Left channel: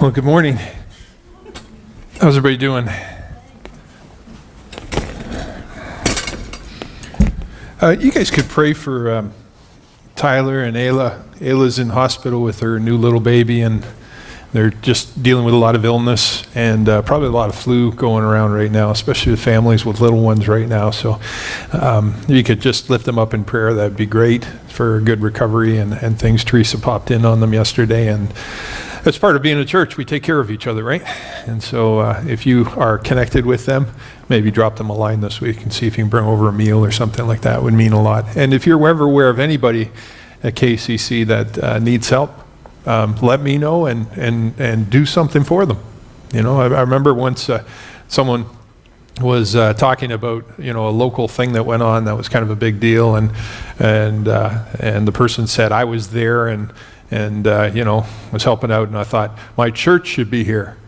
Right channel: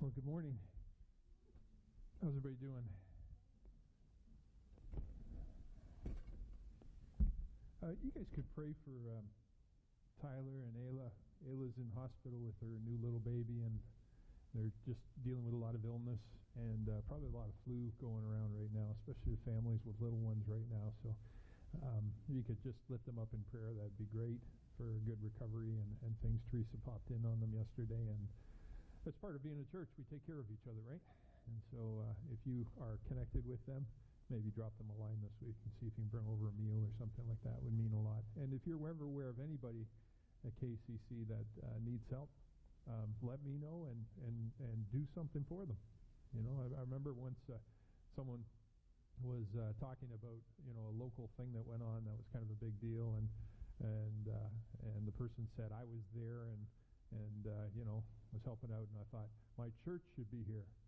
Well, good morning. How's everybody doing? You guys could pray for Tyler and Ayla. Ayla's in hospital with her new little baby, and they're just dealing with a lot of illness and probably a lot of flu going around right now, especially with families with little ones right now. So you could just lift them up in prayer. That'd be great for a good recovery and things. Teresa popped in on them yesterday, and as part of being a church, we take care of each other, right? And so if you are connected with them, maybe drop them a line this week and see if you can bring over a meal or something like that. It would mean a lot. And if you're ever aware of anybody at KCC that needs help, let me know and do something for them. You know, I remember once someone was talking about, you know, a local thing that went on that was kind of a big deal, and the person said, I was there and you know, was helping out, and I thought, my church should be here.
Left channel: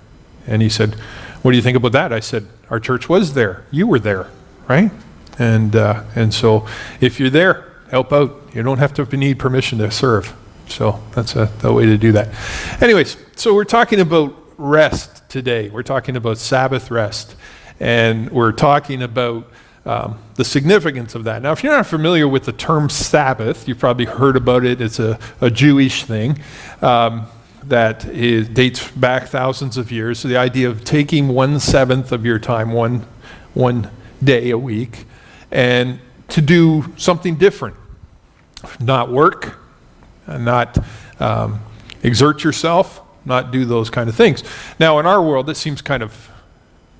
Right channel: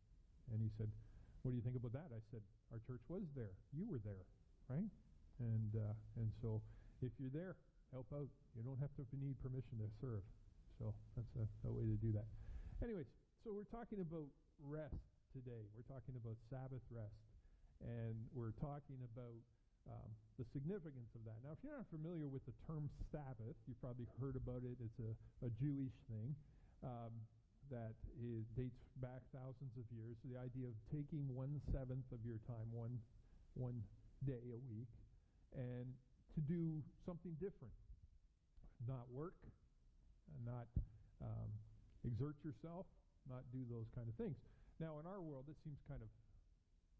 And he said, what do you think about that? I said, our church was there. You were there, right? And so if you're there, help out. You don't have to need permission to serve. So that's the way to do that. Anyways, so we're talking about rest today. We're talking about Sabbath rest. And we're talking about the significance of that. Now, if you're not familiar with the term Sabbath, you've probably heard about it. It's a Jewish thing that dates back thousands of years. So the idea of taking 1/7 of your time, one day a week, and to do something different. Not work, not exert yourself, not do those kind of things. Now, in our world, it seems kind of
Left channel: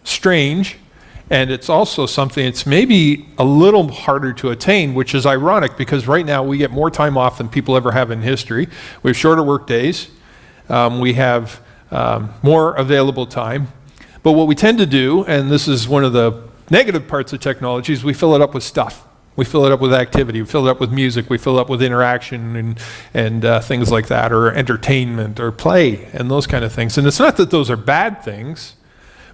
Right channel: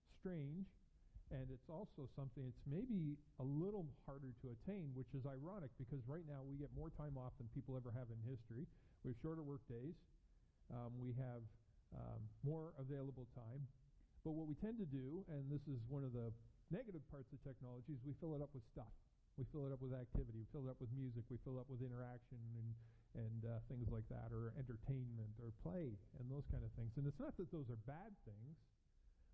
strange. And it's also something it's maybe a little harder to attain, which is ironic because right now we get more time off than people ever have in history. We have shorter work days. We have more available time. But what we tend to do, and this is one of the negative parts of technology, is we fill it up with stuff. We fill it up with activity. We fill it up with music. We fill it up with interaction and things like that, or entertainment or play and those kind of things. And it's not that those are bad things.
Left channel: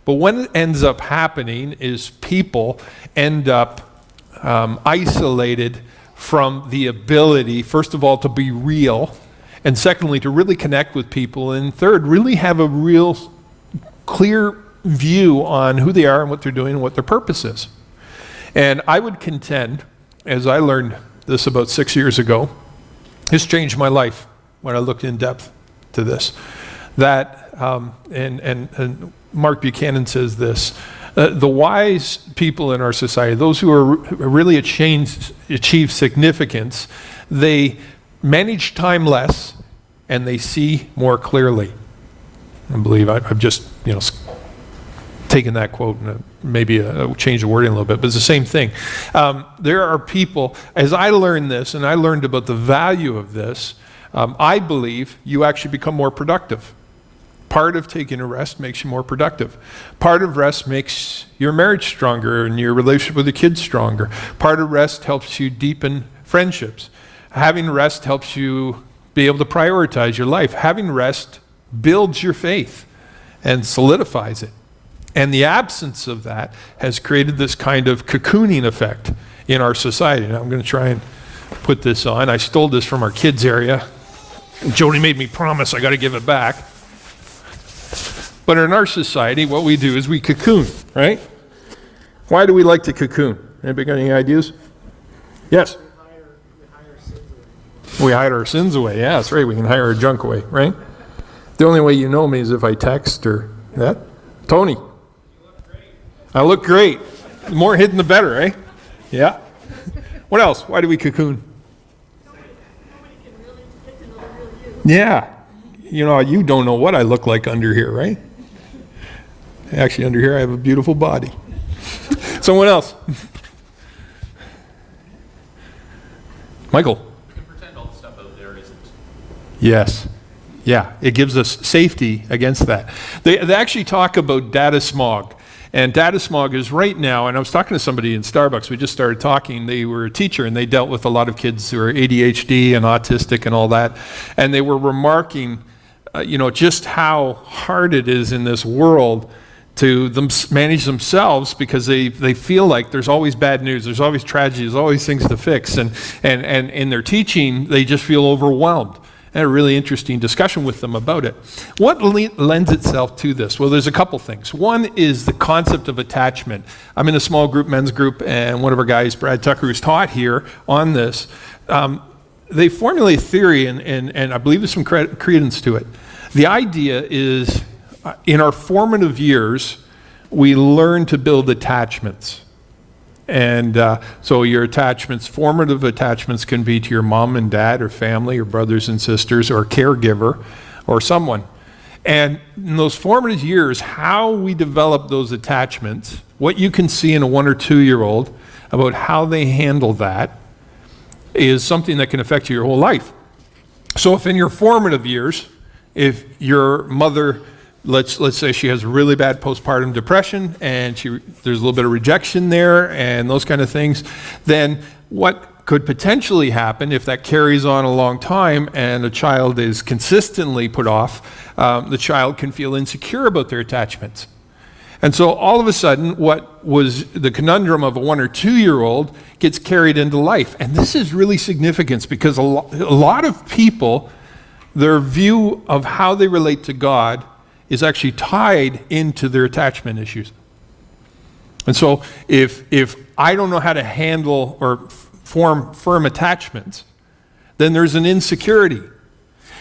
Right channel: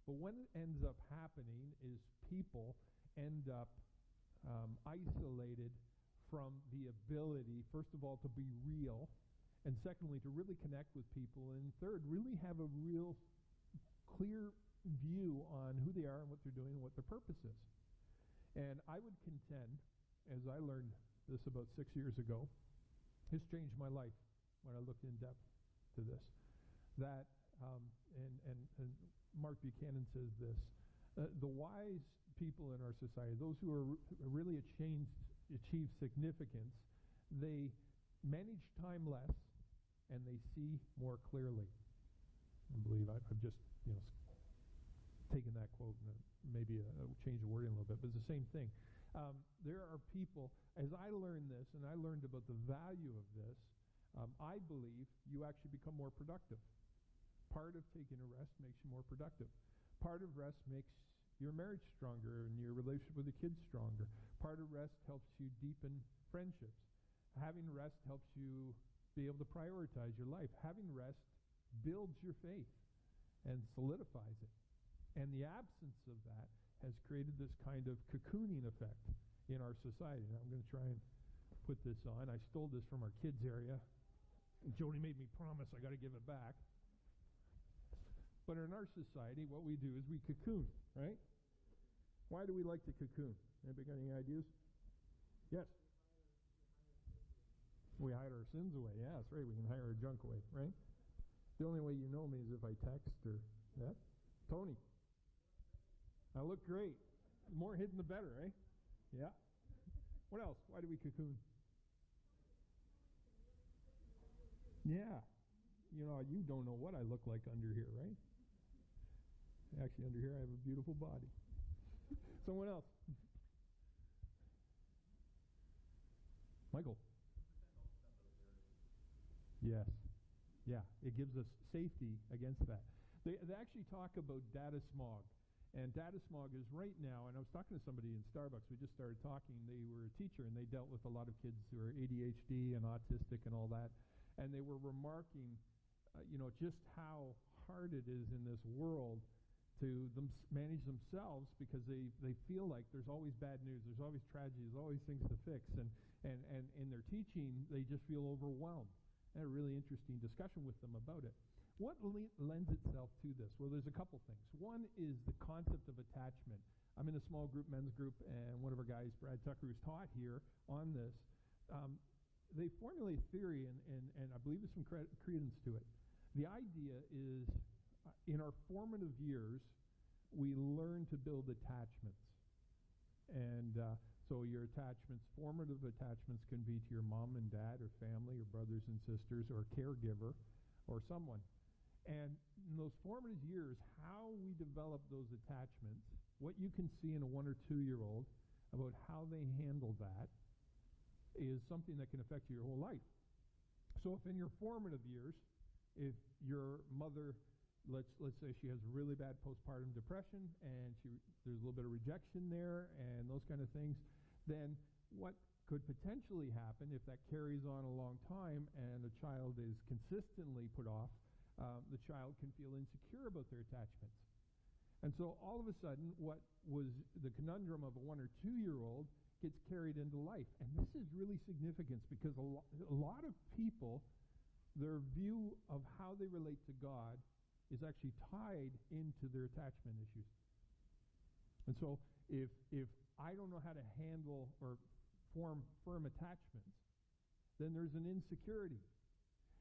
But what ends up happening is people end up isolated from the ability, first of all, to be real, and secondly, to really connect with people, and third, really have a real clear view on who they are and what they're doing and what their purpose is. And I would contend, as I learned this about 6 years ago, this changed my life when I looked in depth to this, that, and Mark Buchanan says this, the wise people in our society, those who are really achieve significance, they manage time less and they see more clearly. I believe I've just, you know, taken that quote and maybe changed the wording a little bit, but it's the same thing. There are people, as I learned this, and I learned about the value of this, I believe you actually become more productive. Part of taking a rest makes you more productive. Part of rest makes your marriage stronger and your relationship with the kids stronger. Part of rest helps you deepen friendships. Having rest helps you be able to prioritize your life. Having rest builds your faith and solidifies it. And the absence of that has created this kind of cocooning effect in our society. Now I'm going to try and put this on. I stole this from our kids area. Jody made me promise I got to give it back. But in our society, what we do is we cocoon, right? Why do we like to cocoon? Anybody got any ideas? Yes? We hide our sins away. Yeah, that's right. We can hide our junk away, right? The only way you know me is if I text or that. Tony? You look great. I look great. The more hidden, the better, right? Yeah. What else? Why do we cocoon? Nobody can really get to know the real you. Yeah. You know, you don't know what I look like under here, right? Actually, under here I have a beautiful body. Someone else. Michael. We can pretend all the stuff out there isn't. Yes. Yeah, it gives us safety against that. They actually talk about data smog. And data smog is right now, and I was talking to somebody in Starbucks, we just started talking, they were a teacher and they dealt with a lot of kids who are ADHD and autistic and all that. And they were remarking, just how hard it is in this world to manage themselves because they feel like there's always bad news, there's always tragedy, there's always things to fix. And in their teaching, they just feel overwhelmed. I had a really interesting discussion with them about it. What lends itself to this? Well, there's a couple things. One is the concept of attachment. I'm in a small group, men's group, and one of our guys, Brad Tucker, who's taught here on this, they formulate a theory, and I believe there's some credence to it. The idea is in our formative years, we learn to build attachments. And so your attachments, formative attachments, can be to your mom and dad or family or brothers and sisters or a caregiver or someone. And in those formative years, how we develop those attachments, what you can see in a 1 or 2 year old about how they handle that is something that can affect you your whole life. So if in your formative years, if your mother, let's say she has really bad postpartum depression and there's a little bit of rejection there and those kind of things, then what could potentially happen if that carries on a long time and a child is consistently put off, the child can feel insecure about their attachments. And so all of a sudden, what was the conundrum of a 1 or 2 year old gets carried into life. And this is really significant because a lot of people, their view of how they relate to God is actually tied into their attachment issues. And so if I don't know how to handle or form firm attachments, then there's an insecurity.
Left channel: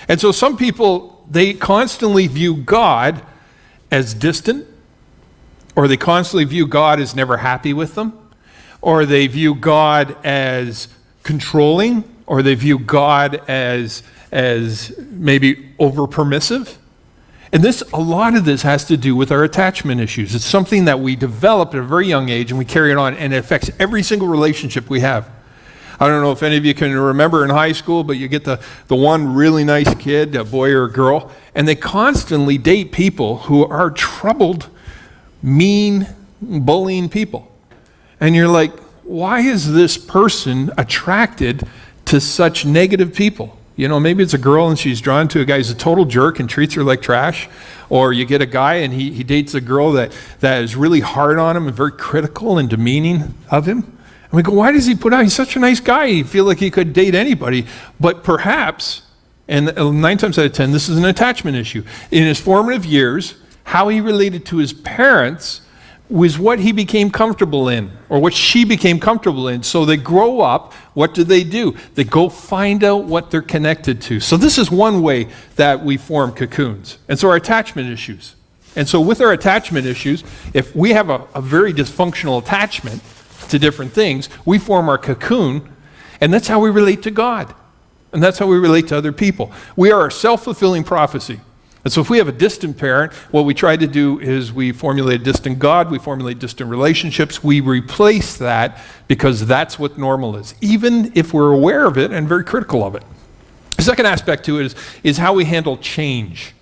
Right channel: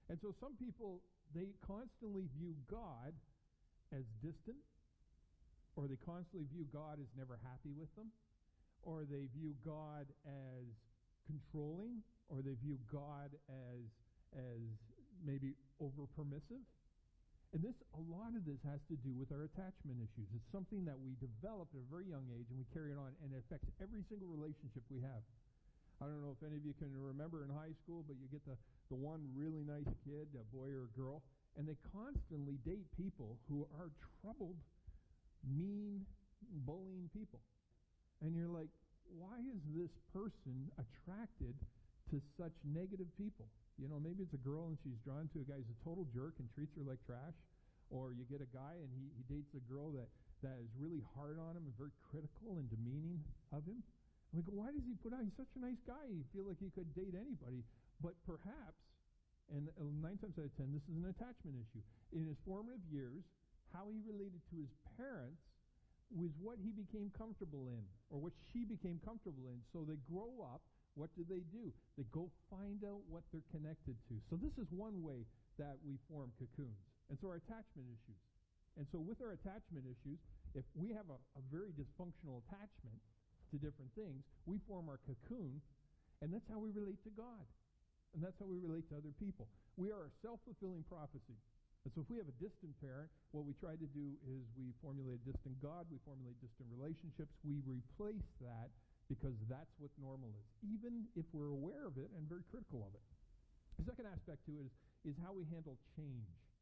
And so some people, they constantly view God as distant, or they constantly view God as never happy with them, or they view God as controlling, or they view God as maybe over permissive. And a lot of this has to do with our attachment issues. It's something that we develop at a very young age and we carry it on, and it affects every single relationship we have. I don't know if any of you can remember in high school, but you get the one really nice kid, a boy or a girl, and they constantly date people who are troubled, mean, bullying people. And you're like, why is this person attracted to such negative people? You know, maybe it's a girl and she's drawn to a guy who's a total jerk and treats her like trash. Or you get a guy and he dates a girl that is really hard on him and very critical and demeaning of him. And we go, why does he put out? He's such a nice guy. You feel like he could date anybody. But perhaps, and 9 times out of 10, this is an attachment issue. In his formative years, how he related to his parents was what he became comfortable in, or what she became comfortable in. So they grow up, what do? They go find out what they're connected to. So this is one way that we form cocoons. And so our attachment issues. And so with our attachment issues, if we have a very dysfunctional attachment to different things, we form our cocoon, and that's how we relate to God. And that's how we relate to other people. We are a self-fulfilling prophecy. And so if we have a distant parent, what we try to do is we formulate a distant God, we formulate distant relationships, we replace that because that's what normal is, even if we're aware of it and very critical of it. The second aspect to it is how we handle change.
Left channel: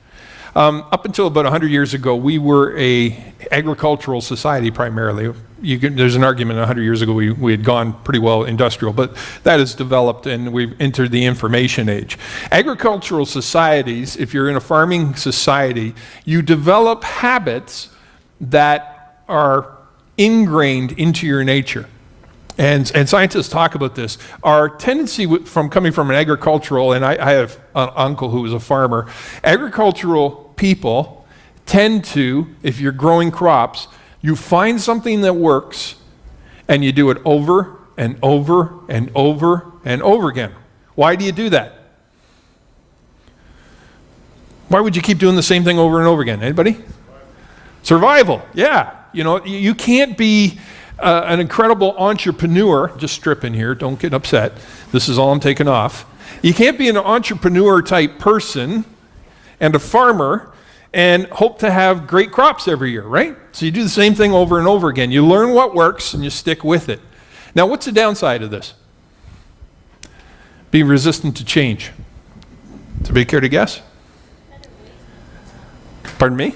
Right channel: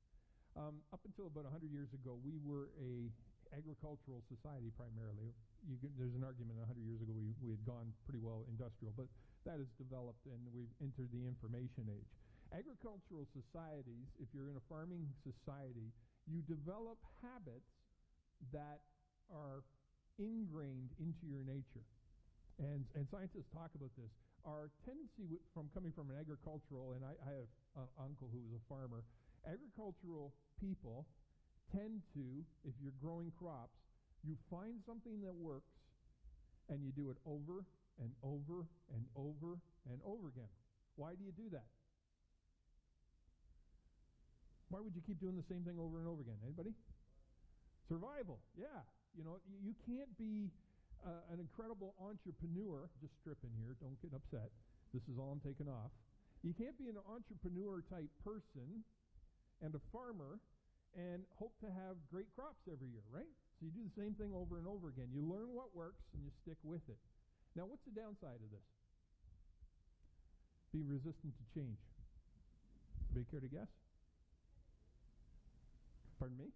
Up until about 100 years ago, we were an agricultural society primarily. There's an argument 100 years ago we had gone pretty well industrial, but that has developed and we've entered the information age. Agricultural societies, if you're in a farming society, you develop habits that are ingrained into your nature. And scientists talk about this. Our tendency from coming from an agricultural, and I have an uncle who was a farmer, agricultural people tend to, if you're growing crops, you find something that works and you do it over and over and over and over again. Why do you do that? Why would you keep doing the same thing over and over again? Anybody? Survival. Yeah. You know, you can't be an incredible entrepreneur. Just strip in here. Don't get upset. This is all I'm taking off. You can't be an entrepreneur type person and a farmer and hope to have great crops every year, right? So you do the same thing over and over again. You learn what works and you stick with it. Now, what's the downside of this? Be resistant to change. Does anybody care to guess? Pardon me?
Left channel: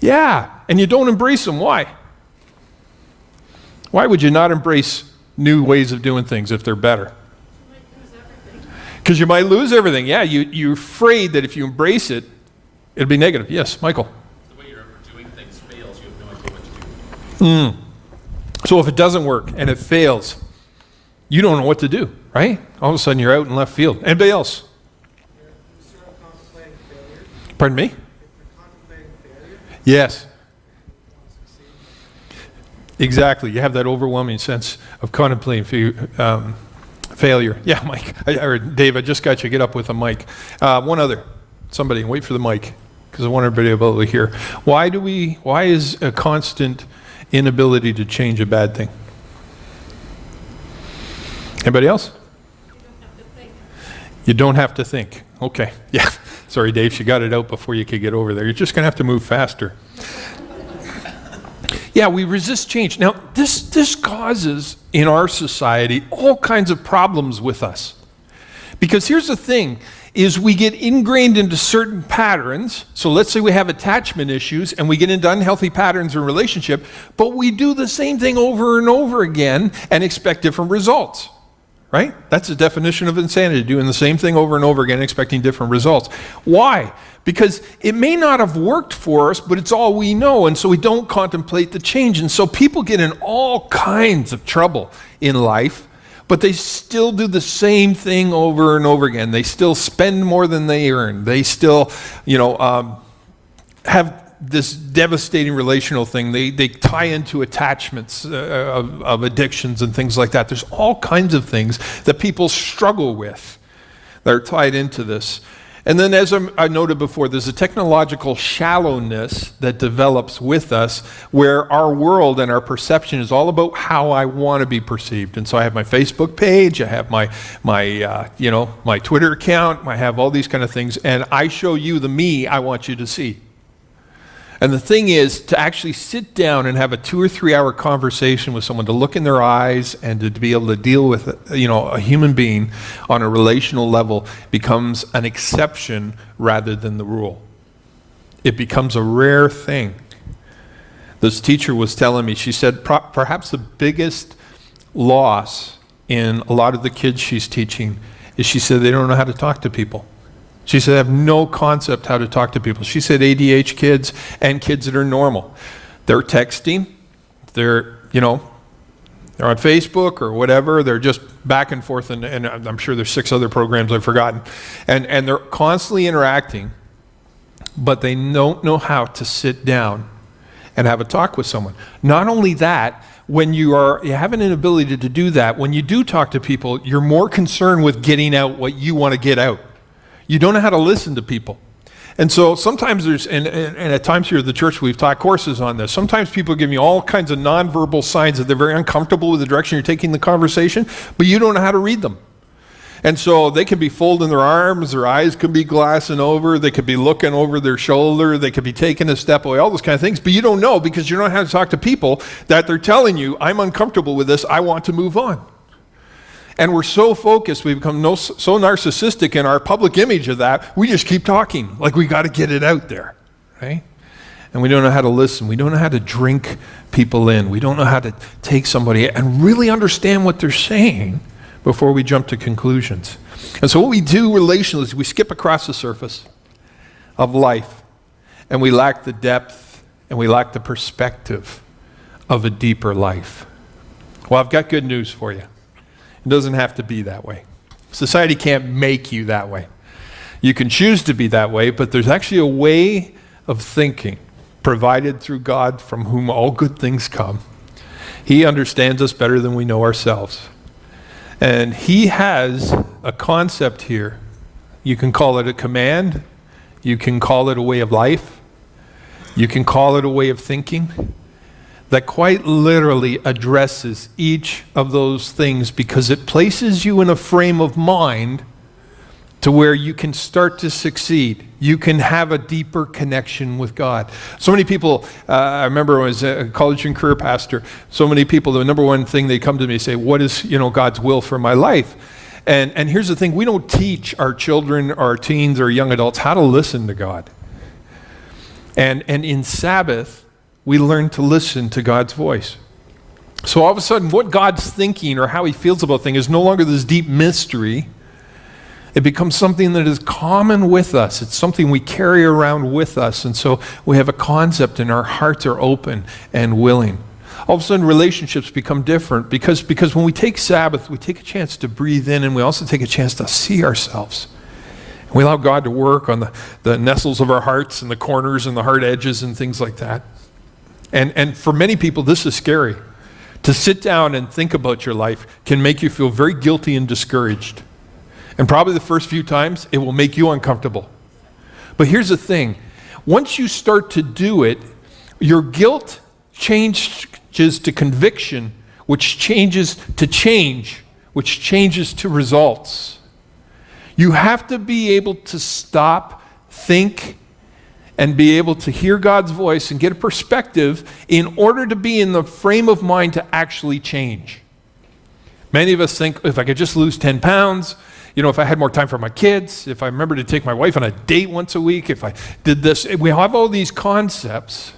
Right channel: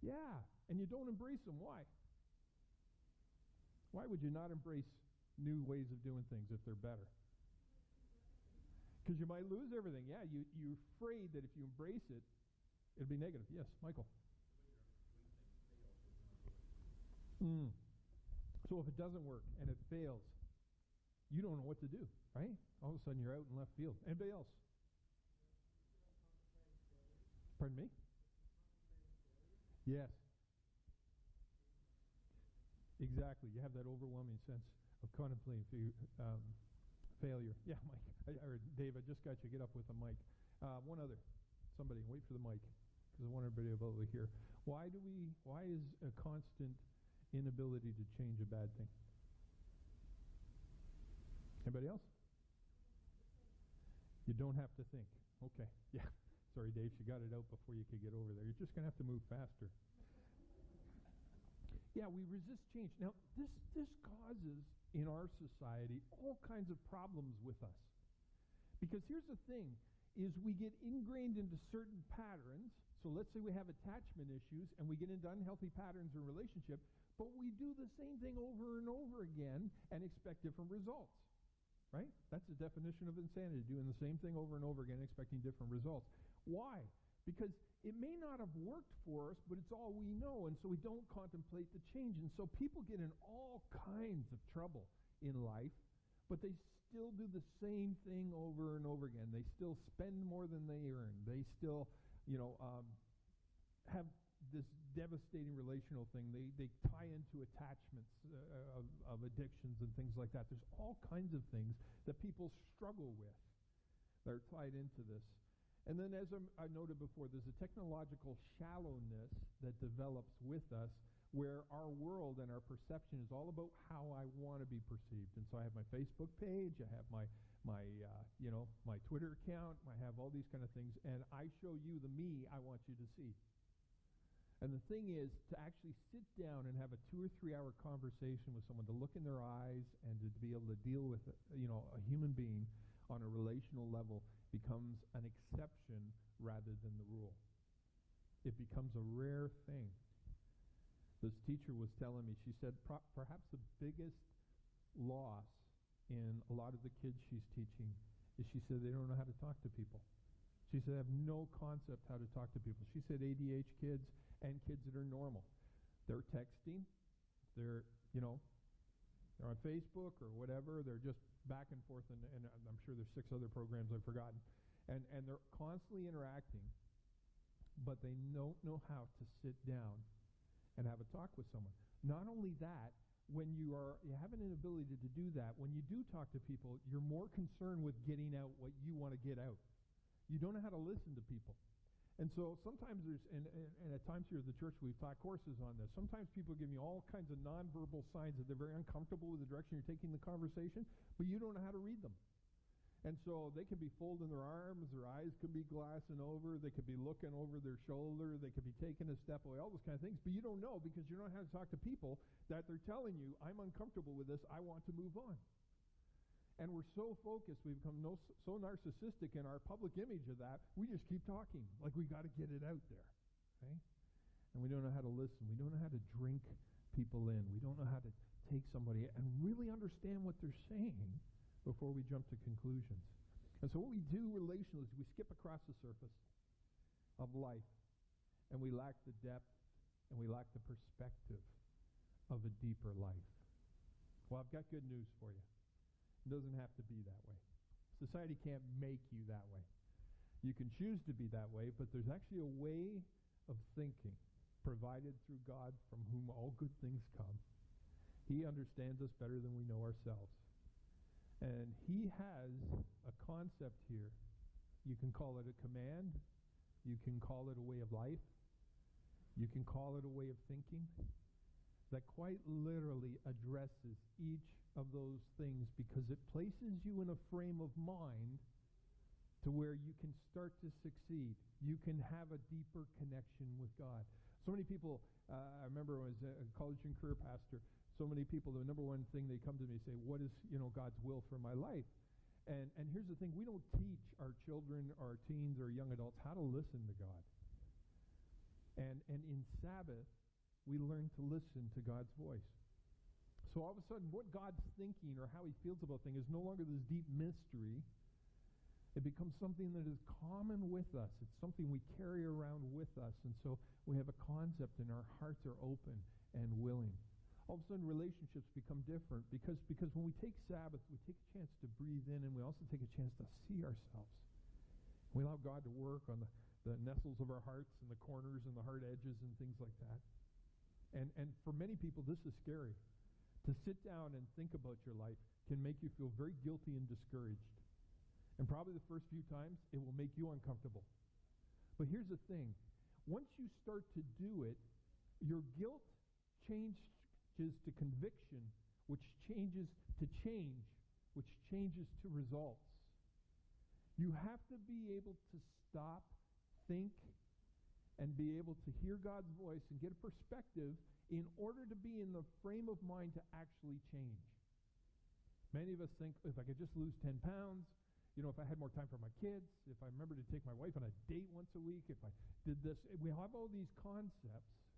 Yeah, and you don't embrace them. Why? Why would you not embrace new ways of doing things if they're better? Because you might lose everything. Yeah, you're afraid that if you embrace it, it'll be negative. Yes, Michael? The way you're doing things fails, you have no idea what to do. So if it doesn't work and it fails, you don't know what to do, right? All of a sudden you're out in left field. Anybody else? Pardon me? Yes. Exactly. You have that overwhelming sense of contemplating failure. Yeah, Mike. Or Dave, I just got you. Get up with a mic. One other. Somebody, wait for the mic, because I want everybody to be able to hear. Why is a constant inability to change a bad thing? Anybody else? You don't have to think. Okay. Yeah. Sorry, Dave, you got it out before you could get over there. You're just going to have to move faster. Yeah, we resist change. Now, this causes, in our society, all kinds of problems with us. Because here's the thing, is we get ingrained into certain patterns. So let's say we have attachment issues and we get into unhealthy patterns in relationship, but we do the same thing over and over again and expect different results. Right? That's the definition of insanity, doing the same thing over and over again, expecting different results. Why? Because it may not have worked for us, but it's all we know, and so we don't contemplate the change. And so people get in all kinds of trouble in life, but they still do the same thing over and over again. They still spend more than they earn. They still, have this devastating relational thing. They tie into attachments of addictions and things like that. There's all kinds of things that people struggle with that are tied into this. And then, as I noted before, there's a technological shallowness that develops with us where our world and our perception is all about how I want to be perceived. And so I have my Facebook page, I have my Twitter account, I have all these kind of things, and I show you the me I want you to see. And the thing is to actually sit down and have a 2 or 3 hour conversation with someone, to look in their eyes and to be able to deal with, a human being on a relational level becomes an exception rather than the rule. It becomes a rare thing. This teacher was telling me, she said, perhaps the biggest loss in a lot of the kids she's teaching is, she said, they don't know how to talk to people. She said, I have no concept how to talk to people. She said ADH kids and kids that are normal. They're texting, they're on Facebook or whatever, they're just back and forth, and I'm sure there's 6 other programs I've forgotten. And they're constantly interacting, but they don't know how to sit down and have a talk with someone. Not only that, when you have an inability to do that, when you do talk to people, you're more concerned with getting out what you want to get out. You don't know how to listen to people. And so sometimes and at times here at the church we've taught courses on this. Sometimes people give you all kinds of nonverbal signs that they're very uncomfortable with the direction you're taking the conversation, but you don't know how to read them. And so they can be folding their arms, their eyes could be glassing over, they could be looking over their shoulder, they could be taking a step away, all those kind of things, but you don't know because you don't know how to talk to people that they're telling you, I'm uncomfortable with this, I want to move on. And we're so focused, we become so narcissistic in our public image of that, we just keep talking, like we got to get it out there, right? And we don't know how to listen. We don't know how to drink people in. We don't know how to take somebody and really understand what they're saying before we jump to conclusions. And so what we do relationally is we skip across the surface of life, and we lack the depth and we lack the perspective of a deeper life. Well, I've got good news for you. It doesn't have to be that way. Society can't make you that way. You can choose to be that way, but there's actually a way of thinking provided through God, from whom all good things come. He understands us better than we know ourselves. And he has a concept here. You can call it a command. You can call it a way of life. You can call it a way of thinking that quite literally addresses each of those things, because it places you in a frame of mind to where you can start to succeed. You can have a deeper connection with God. So many people, I remember when I was a college and career pastor, so many people, the number one thing they come to me and say, what is God's will for my life? And here's the thing, we don't teach our children, our teens, or young adults how to listen to God. And in Sabbath, we learn to listen to God's voice. So all of a sudden, what God's thinking or how he feels about things is no longer this deep mystery. It becomes something that is common with us. It's something we carry around with us. And so we have a concept and our hearts are open and willing. All of a sudden, relationships become different because when we take Sabbath, we take a chance to breathe in, and we also take a chance to see ourselves We allow God to work on the nestles of our hearts and the corners and the hard edges and things like that. And for many people, this is scary. To sit down and think about your life can make you feel very guilty and discouraged. And probably the first few times, it will make you uncomfortable. But here's the thing. Once you start to do it, your guilt changes to conviction, which changes to change, which changes to results. You have to be able to stop, think, and be able to hear God's voice and get a perspective in order to be in the frame of mind to actually change. Many of us think, if I could just lose 10 pounds, if I had more time for my kids, if I remember to take my wife on a date once a week, if I did this, we have all these concepts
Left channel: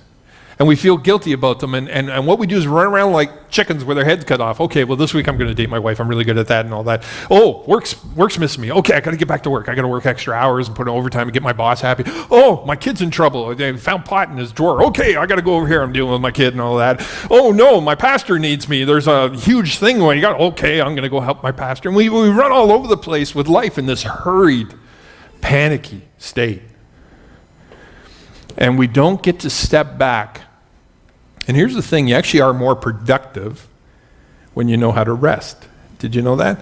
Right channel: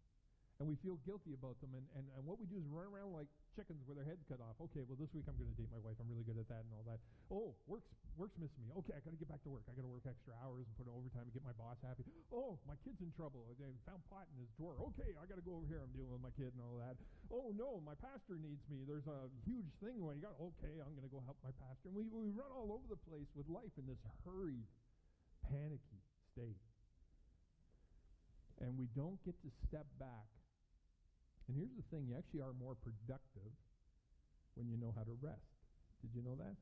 and we feel guilty about them. And what we do is run around like chickens with their heads cut off. Okay, well, this week I'm going to date my wife. I'm really good at that and all that. Oh, work's missing me. Okay, I got to get back to work. I got to work extra hours and put in overtime and get my boss happy. Oh, my kid's in trouble. They found pot in his drawer. Okay, I got to go over here. I'm dealing with my kid and all that. Oh, no, my pastor needs me. There's a huge thing going. Okay, I'm going to go help my pastor. And we run all over the place with life in this hurried, panicky state. And we don't get to step back. And here's the thing, you actually are more productive when you know how to rest. Did you know that?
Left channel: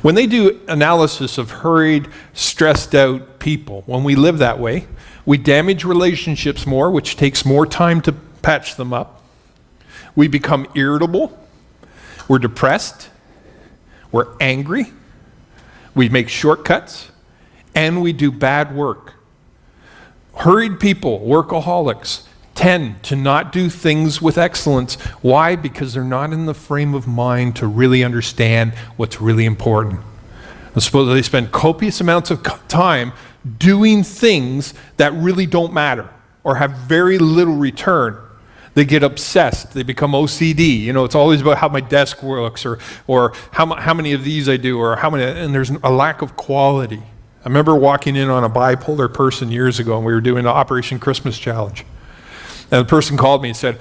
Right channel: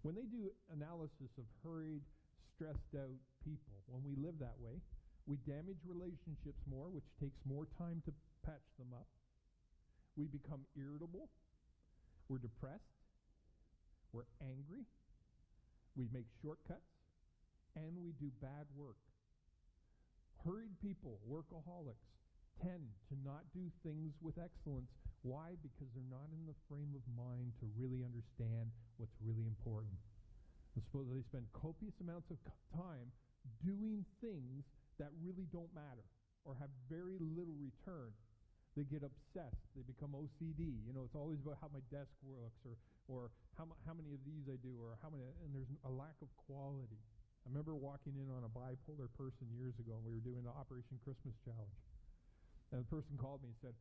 When they do analysis of hurried, stressed out people, when we live that way, we damage relationships more, which takes more time to patch them up. We become irritable. We're depressed. We're angry. We make shortcuts. And we do bad work. Hurried people, workaholics, tend to not do things with excellence. Why? Because they're not in the frame of mind to really understand what's really important. I suppose they spend copious amounts of time doing things that really don't matter or have very little return. They get obsessed. They become OCD. It's always about how my desk works or how many of these I do or how many, and there's a lack of quality. I remember walking in on a bipolar person years ago and we were doing the Operation Christmas Challenge. And the person called me and said,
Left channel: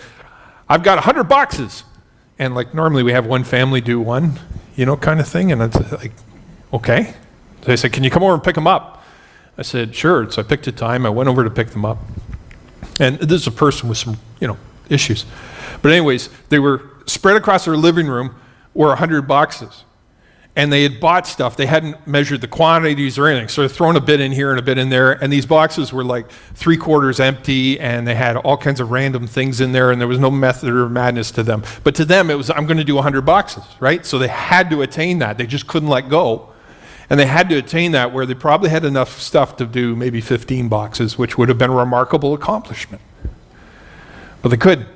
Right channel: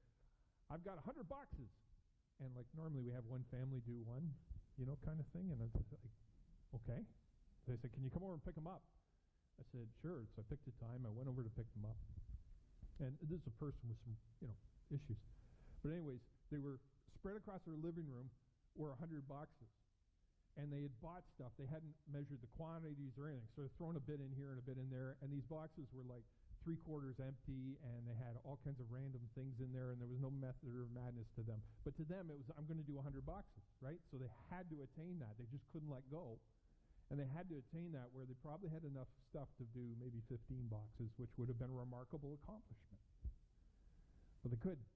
I've got 100 boxes. And normally we have one family do one, kind of thing. And it's like, okay. So they said, can you come over and pick them up? I said, sure. So I picked a time. I went over to pick them up. And this is a person with some, issues. But anyways, they were spread across their living room were 100 boxes. And they had bought stuff. They hadn't measured the quantities or anything. So they're throwing a bit in here and a bit in there. And these boxes were like 3/4 empty, and they had all kinds of random things in there, and there was no method or madness to them. But to them, it was, I'm going to do 100 boxes, right? So they had to attain that. They just couldn't let go. And they had to attain that where they probably had enough stuff to do maybe 15 boxes, which would have been a remarkable accomplishment. But they couldn't.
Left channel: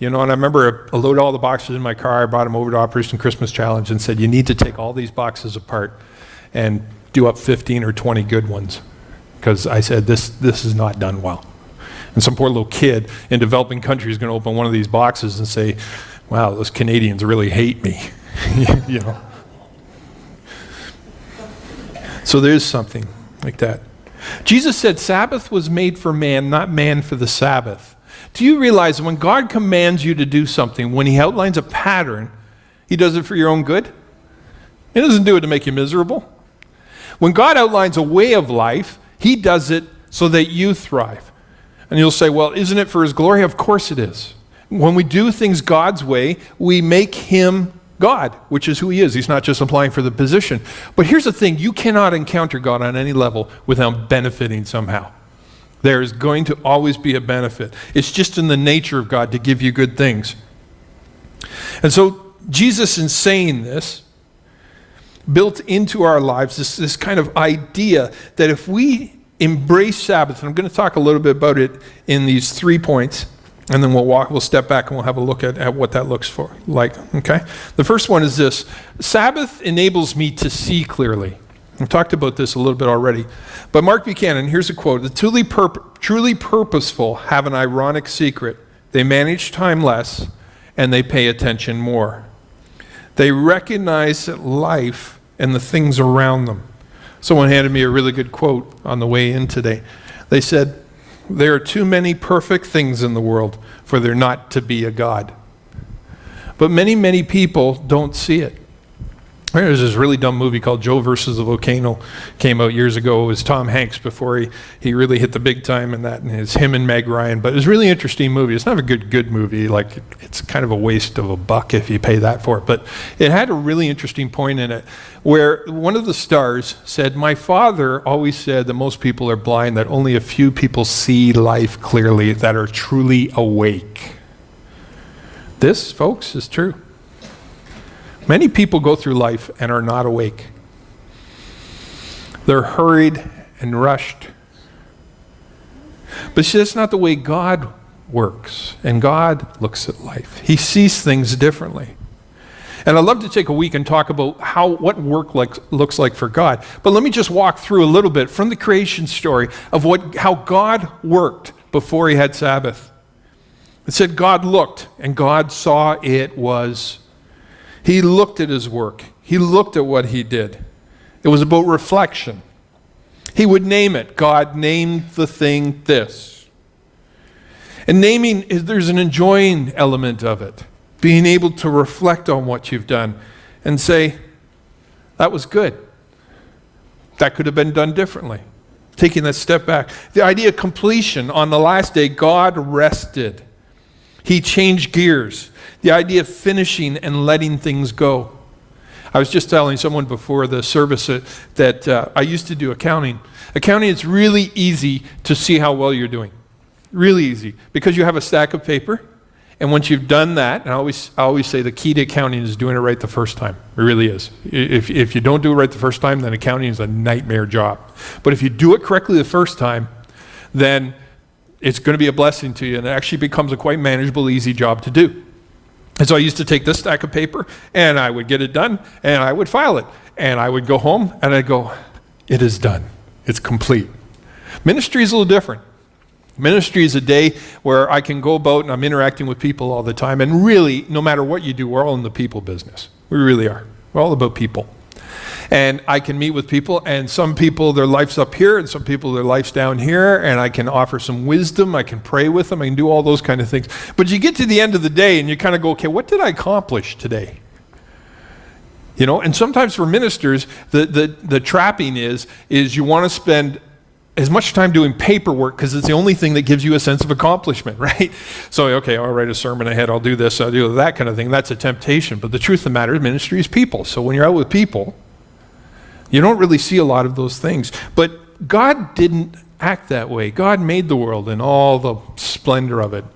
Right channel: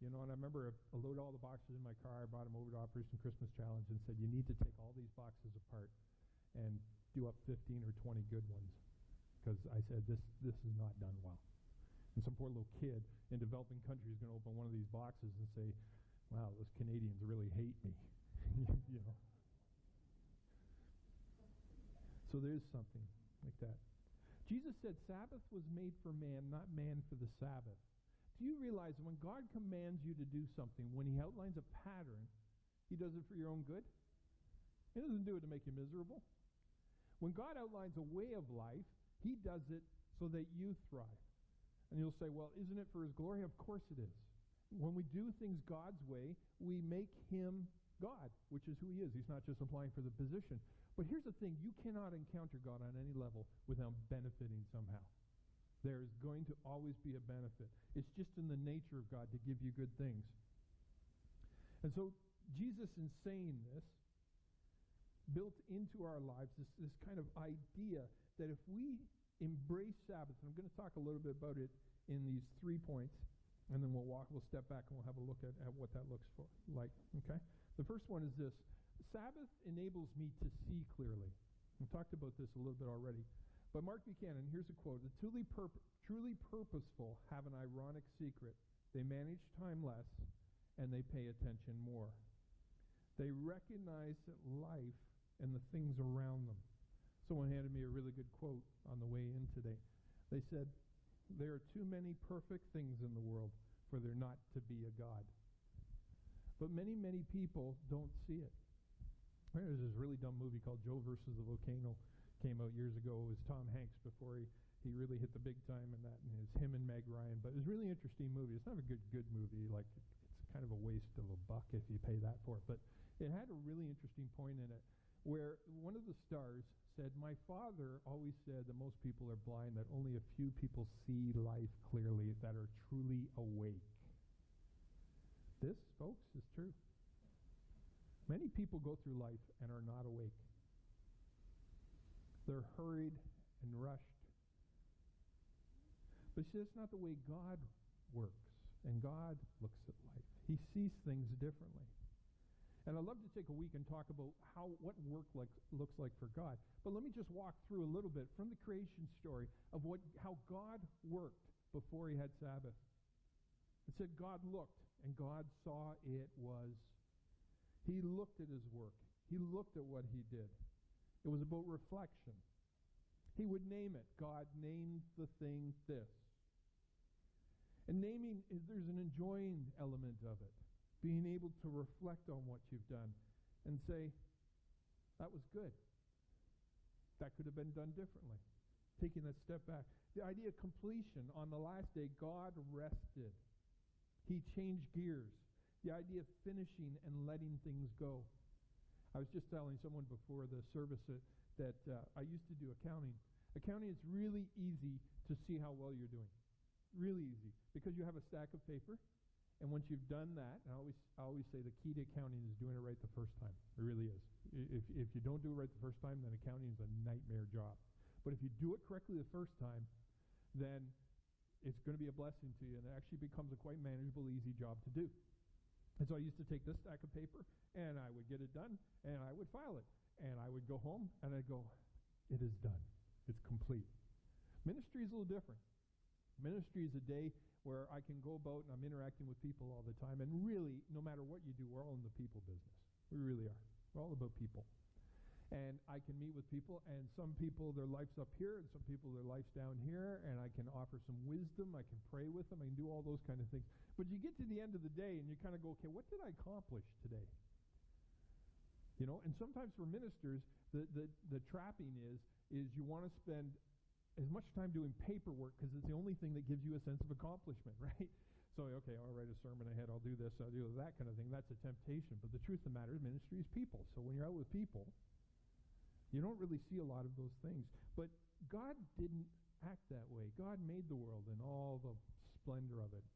And I remember I loaded all the boxes in my car. I brought them over to Operation Christmas Challenge and said, you need to take all these boxes apart and do up 15 or 20 good ones. Because I said, this is not done well. And some poor little kid in developing country is going to open one of these boxes and say, wow, those Canadians really hate me. So there's something like that. Jesus said Sabbath was made for man, not man for the Sabbath. Do you realize when God commands you to do something, when he outlines a pattern, he does it for your own good? He doesn't do it to make you miserable. When God outlines a way of life, he does it so that you thrive. And you'll say, well, isn't it for his glory? Of course it is. When we do things God's way, we make him God, which is who he is. He's not just applying for the position. But here's the thing, you cannot encounter God on any level without benefiting somehow. There is going to always be a benefit. It's just in the nature of God to give you good things. And so Jesus, in saying this, built into our lives this kind of idea that if we embrace Sabbath, and I'm going to talk a little bit about it in these 3 points, and then we'll step back and we'll have a look at what that looks like. Okay? The first one is this. Sabbath enables me to see clearly. I've talked about this a little bit already. But Mark Buchanan, here's a quote. The truly purposeful have an ironic secret. They manage time less, and they pay attention more. They recognize life and the things around them. Someone handed me a really good quote on the way in today. They said, there are too many perfect things in the world for there not to be a God. But many, many people don't see it. There's this really dumb movie called Joe versus the Volcano, came out years ago. It was Tom Hanks before he really hit the big time in that, and it's him and Meg Ryan. But it was a really interesting movie. It's not a good movie. Like, it's kind of a waste of a buck if you pay that for it. But it had a really interesting point in it where one of the stars said, "My father always said that most people are blind, that only a few people see life clearly, that are truly awake." This, folks, is true. Many people go through life and are not awake. They're hurried and rushed. But see, that's not the way God works, and God looks at life. He sees things differently. And I'd love to take a week and talk about what work looks like for God. But let me just walk through a little bit from the creation story of how God worked before he had Sabbath. It said God looked, and God saw it was. He looked at his work. He looked at what he did. It was about reflection. He would name it. God named the thing this. And naming, there's an enjoying element of it. Being able to reflect on what you've done and say, that was good. That could have been done differently. Taking that step back. The idea of completion. On the last day, God rested. He changed gears. The idea of finishing and letting things go. I was just telling someone before the service that I used to do accounting. Accounting, it's really easy to see how well you're doing. Really easy. Because you have a stack of paper, and once you've done that, and I always say the key to accounting is doing it right the first time. It really is. If you don't do it right the first time, then accounting is a nightmare job. But if you do it correctly the first time, then it's going to be a blessing to you, and it actually becomes a quite manageable, easy job to do. And so I used to take this stack of paper, and I would get it done, and I would file it. And I would go home, and I'd go, it is done. It's complete. Ministry is a little different. Ministry is a day where I can go about, and I'm interacting with people all the time. And really, no matter what you do, we're all in the people business. We really are. We're all about people. And I can meet with people, and some people, their life's up here, and some people, their life's down here, and I can offer some wisdom, I can pray with them, I can do all those kind of things. But you get to the end of the day, and you kind of go, okay, what did I accomplish today? You know, and sometimes for ministers, the trapping is you want to spend as much time doing paperwork because it's the only thing that gives you a sense of accomplishment, right? So, okay, I'll write a sermon ahead, I'll do this, I'll do that kind of thing. That's a temptation. But the truth of the matter is ministry is people. So when you're out with people, you don't really see a lot of those things. But God didn't act that way. God made the world and all the splendor of it.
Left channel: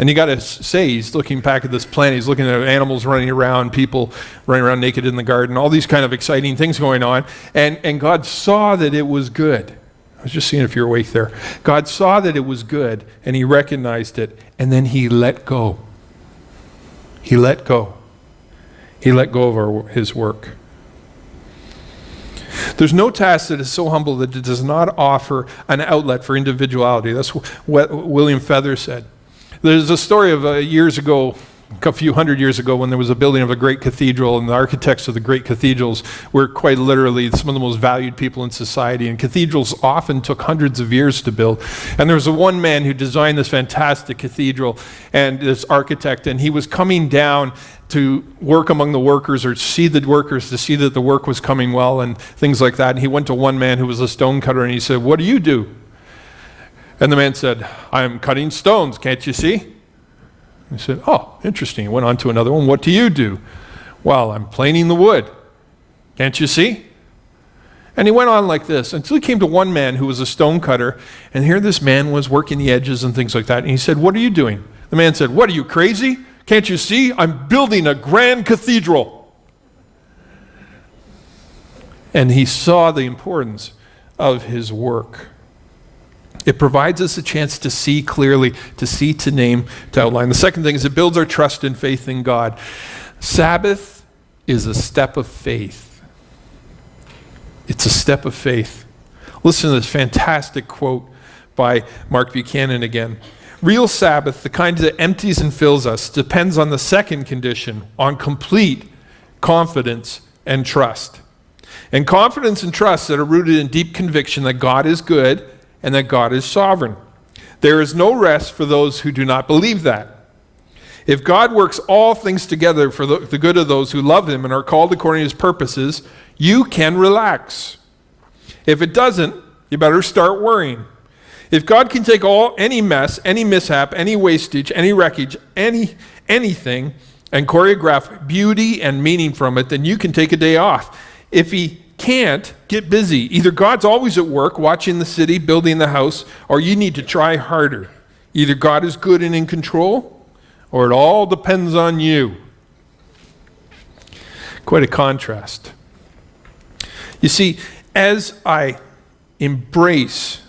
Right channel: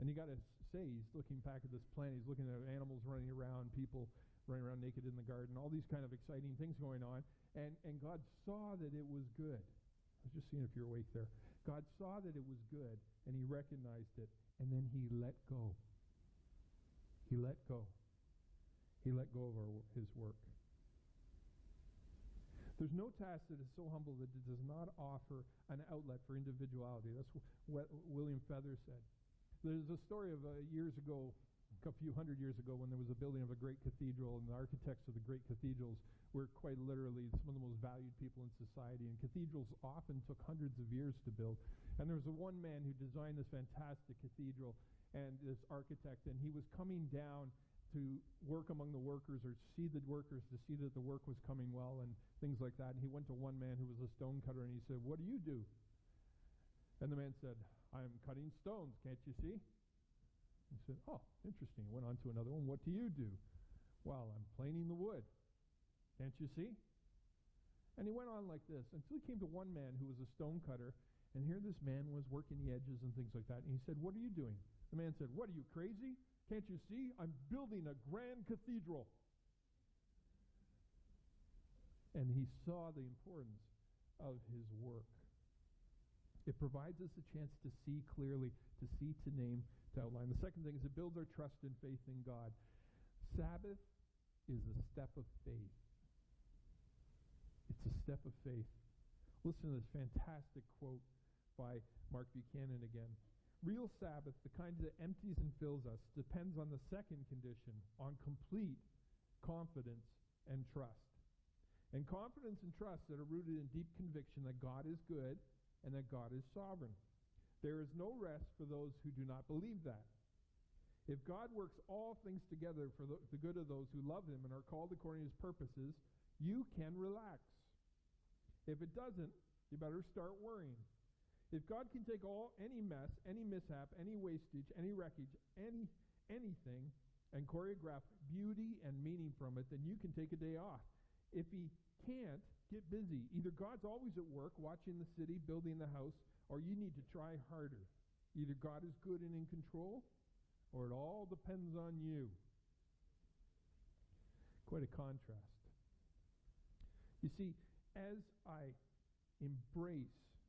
And you got to say, he's looking back at this planet, he's looking at animals running around, people running around naked in the garden, all these kind of exciting things going on. And God saw that it was good. I was just seeing if you're awake there. God saw that it was good, and he recognized it, and then he let go. He let go. He let go of his work. There's no task that is so humble that it does not offer an outlet for individuality. That's what William Feather said. There's a story of years ago, a few hundred years ago, when there was a building of a great cathedral, and the architects of the great cathedrals were quite literally some of the most valued people in society, and cathedrals often took hundreds of years to build. And there was one man who designed this fantastic cathedral, and this architect, and he was coming down to work among the workers or see the workers to see that the work was coming well and things like that. And he went to one man who was a stone cutter, and he said, "What do you do?" And the man said, "I'm cutting stones, can't you see?" He said, "Oh, interesting." He went on to another one. "What do you do?" "Well, I'm planing the wood. Can't you see?" And he went on like this until he came to one man who was a stone cutter, and here this man was working the edges and things like that. And he said, "What are you doing?" The man said, "What, are you crazy? Can't you see? I'm building a grand cathedral." And he saw the importance of his work. It provides us a chance to see clearly, to see, to name, to outline. The second thing is it builds our trust and faith in God. Sabbath is a step of faith. It's a step of faith. Listen to this fantastic quote by Mark Buchanan again. Real Sabbath, the kind that empties and fills us, depends on the second condition, on complete confidence and trust. And confidence and trust that are rooted in deep conviction that God is good and that God is sovereign. There is no rest for those who do not believe that. If God works all things together for the good of those who love him and are called according to his purposes, you can relax. If it doesn't, you better start worrying. If God can take any mess, any mishap, any wastage, any wreckage, anything, and choreograph beauty and meaning from it, then you can take a day off. If he can't, get busy. Either God's always at work, watching the city, building the house, or you need to try harder. Either God is good and in control, or it all depends on you. Quite a contrast. You see, as I embrace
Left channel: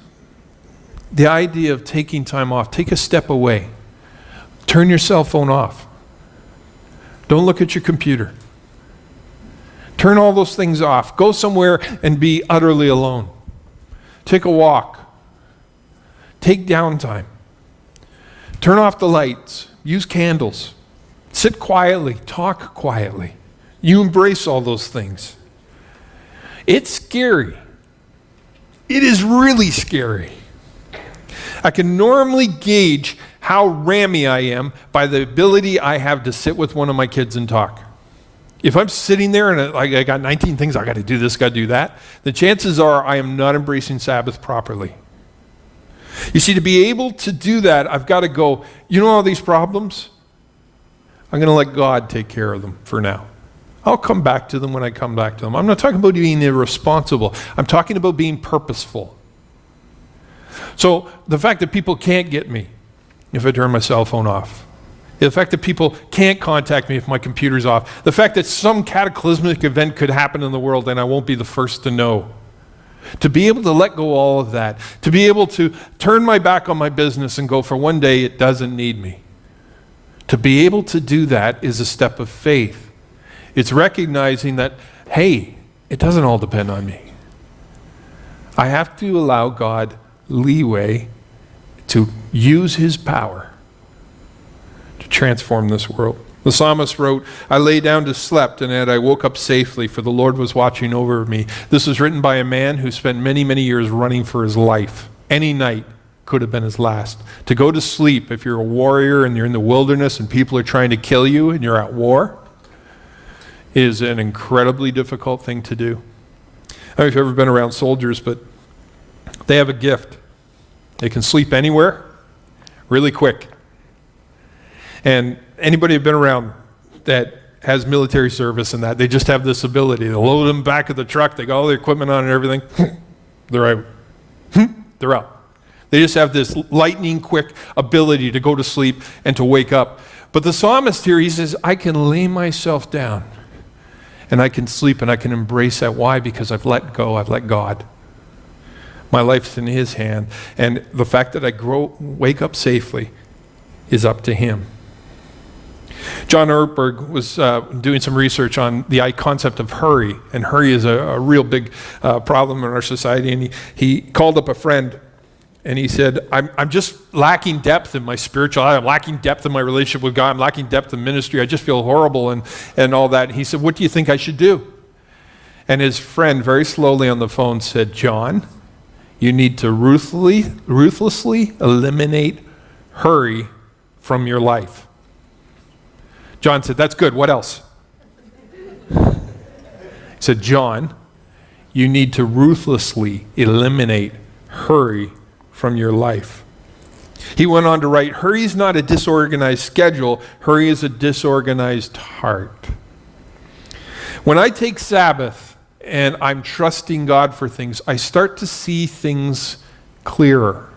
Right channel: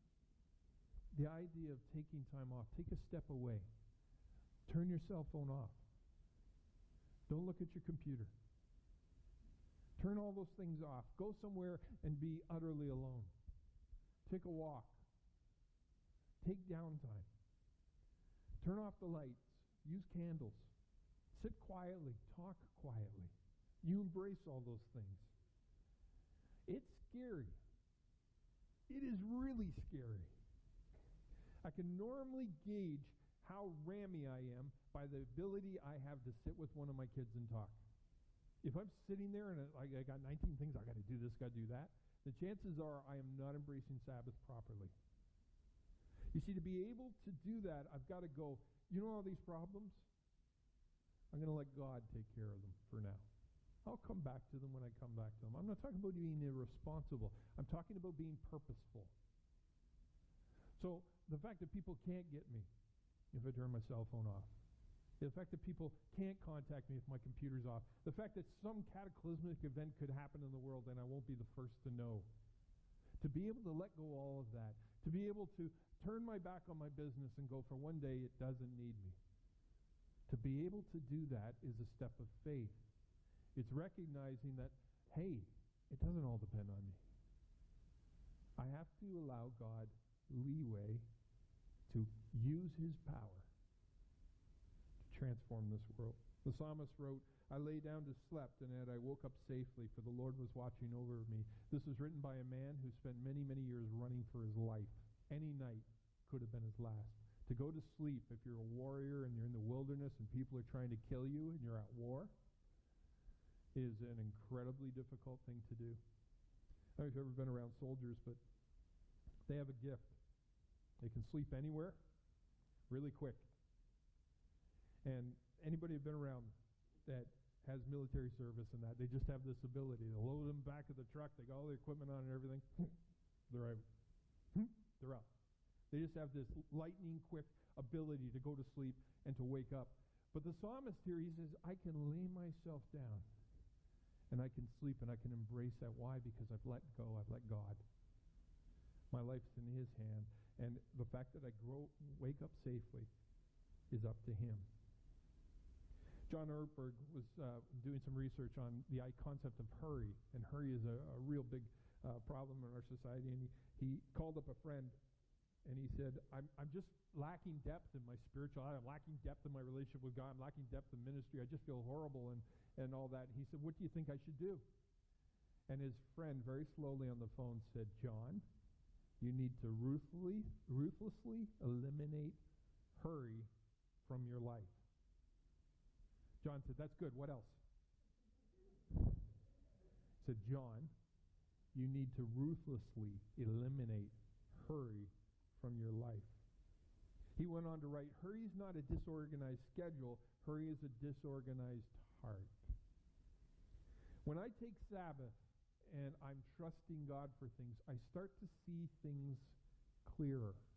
the idea of taking time off, take a step away. Turn your cell phone off. Don't look at your computer. Turn all those things off. Go somewhere and be utterly alone. Take a walk. Take downtime. Turn off the lights. Use candles. Sit quietly. Talk quietly. You embrace all those things. It's scary. It is really scary. I can normally gauge how rammy I am by the ability I have to sit with one of my kids and talk. If I'm sitting there and I got 19 things, I got to do this, got to do that, the chances are I am not embracing Sabbath properly. You see, to be able to do that, I've got to go, you know all these problems? I'm going to let God take care of them for now. I'll come back to them when I come back to them. I'm not talking about being irresponsible. I'm talking about being purposeful. So the fact that people can't get me if I turn my cell phone off, the fact that people can't contact me if my computer's off, the fact that some cataclysmic event could happen in the world and I won't be the first to know. To be able to let go all of that, to be able to turn my back on my business and go, for one day it doesn't need me. To be able to do that is a step of faith. It's recognizing that, hey, it doesn't all depend on me. I have to allow God leeway to use his power to transform this world. The psalmist wrote, I lay down to sleep, and I woke up safely, for the Lord was watching over me. This was written by a man who spent many, many years running for his life. Any night could have been his last. To go to sleep, if you're a warrior and you're in the wilderness and people are trying to kill you and you're at war, is an incredibly difficult thing to do. I don't know if you've ever been around soldiers, but they have a gift. They can sleep anywhere really quick. And anybody who's been around that has military service and that, they just have this ability. They load them back of the truck, they got all the equipment on and everything, they're out. They're out. They just have this lightning quick ability to go to sleep and to wake up. But the psalmist here, he says, I can lay myself down and I can sleep and I can embrace that. Why? Because I've let go, I've let God. My life's in his hand. And the fact that I wake up safely is up to him. John Ortberg was doing some research on the concept of hurry. And hurry is a real big problem in our society. And he called up a friend and he said, I'm just lacking depth in my spiritual life. I'm lacking depth in my relationship with God. I'm lacking depth in ministry. I just feel horrible and all that. And he said, what do you think I should do? And his friend very slowly on the phone said, John, you need to ruthlessly eliminate hurry from your life. John said, that's good. What else? He said, John, you need to ruthlessly eliminate hurry from your life. He went on to write, hurry is not a disorganized schedule. Hurry is a disorganized heart. When I take Sabbath and I'm trusting God for things, I start to see things clearer.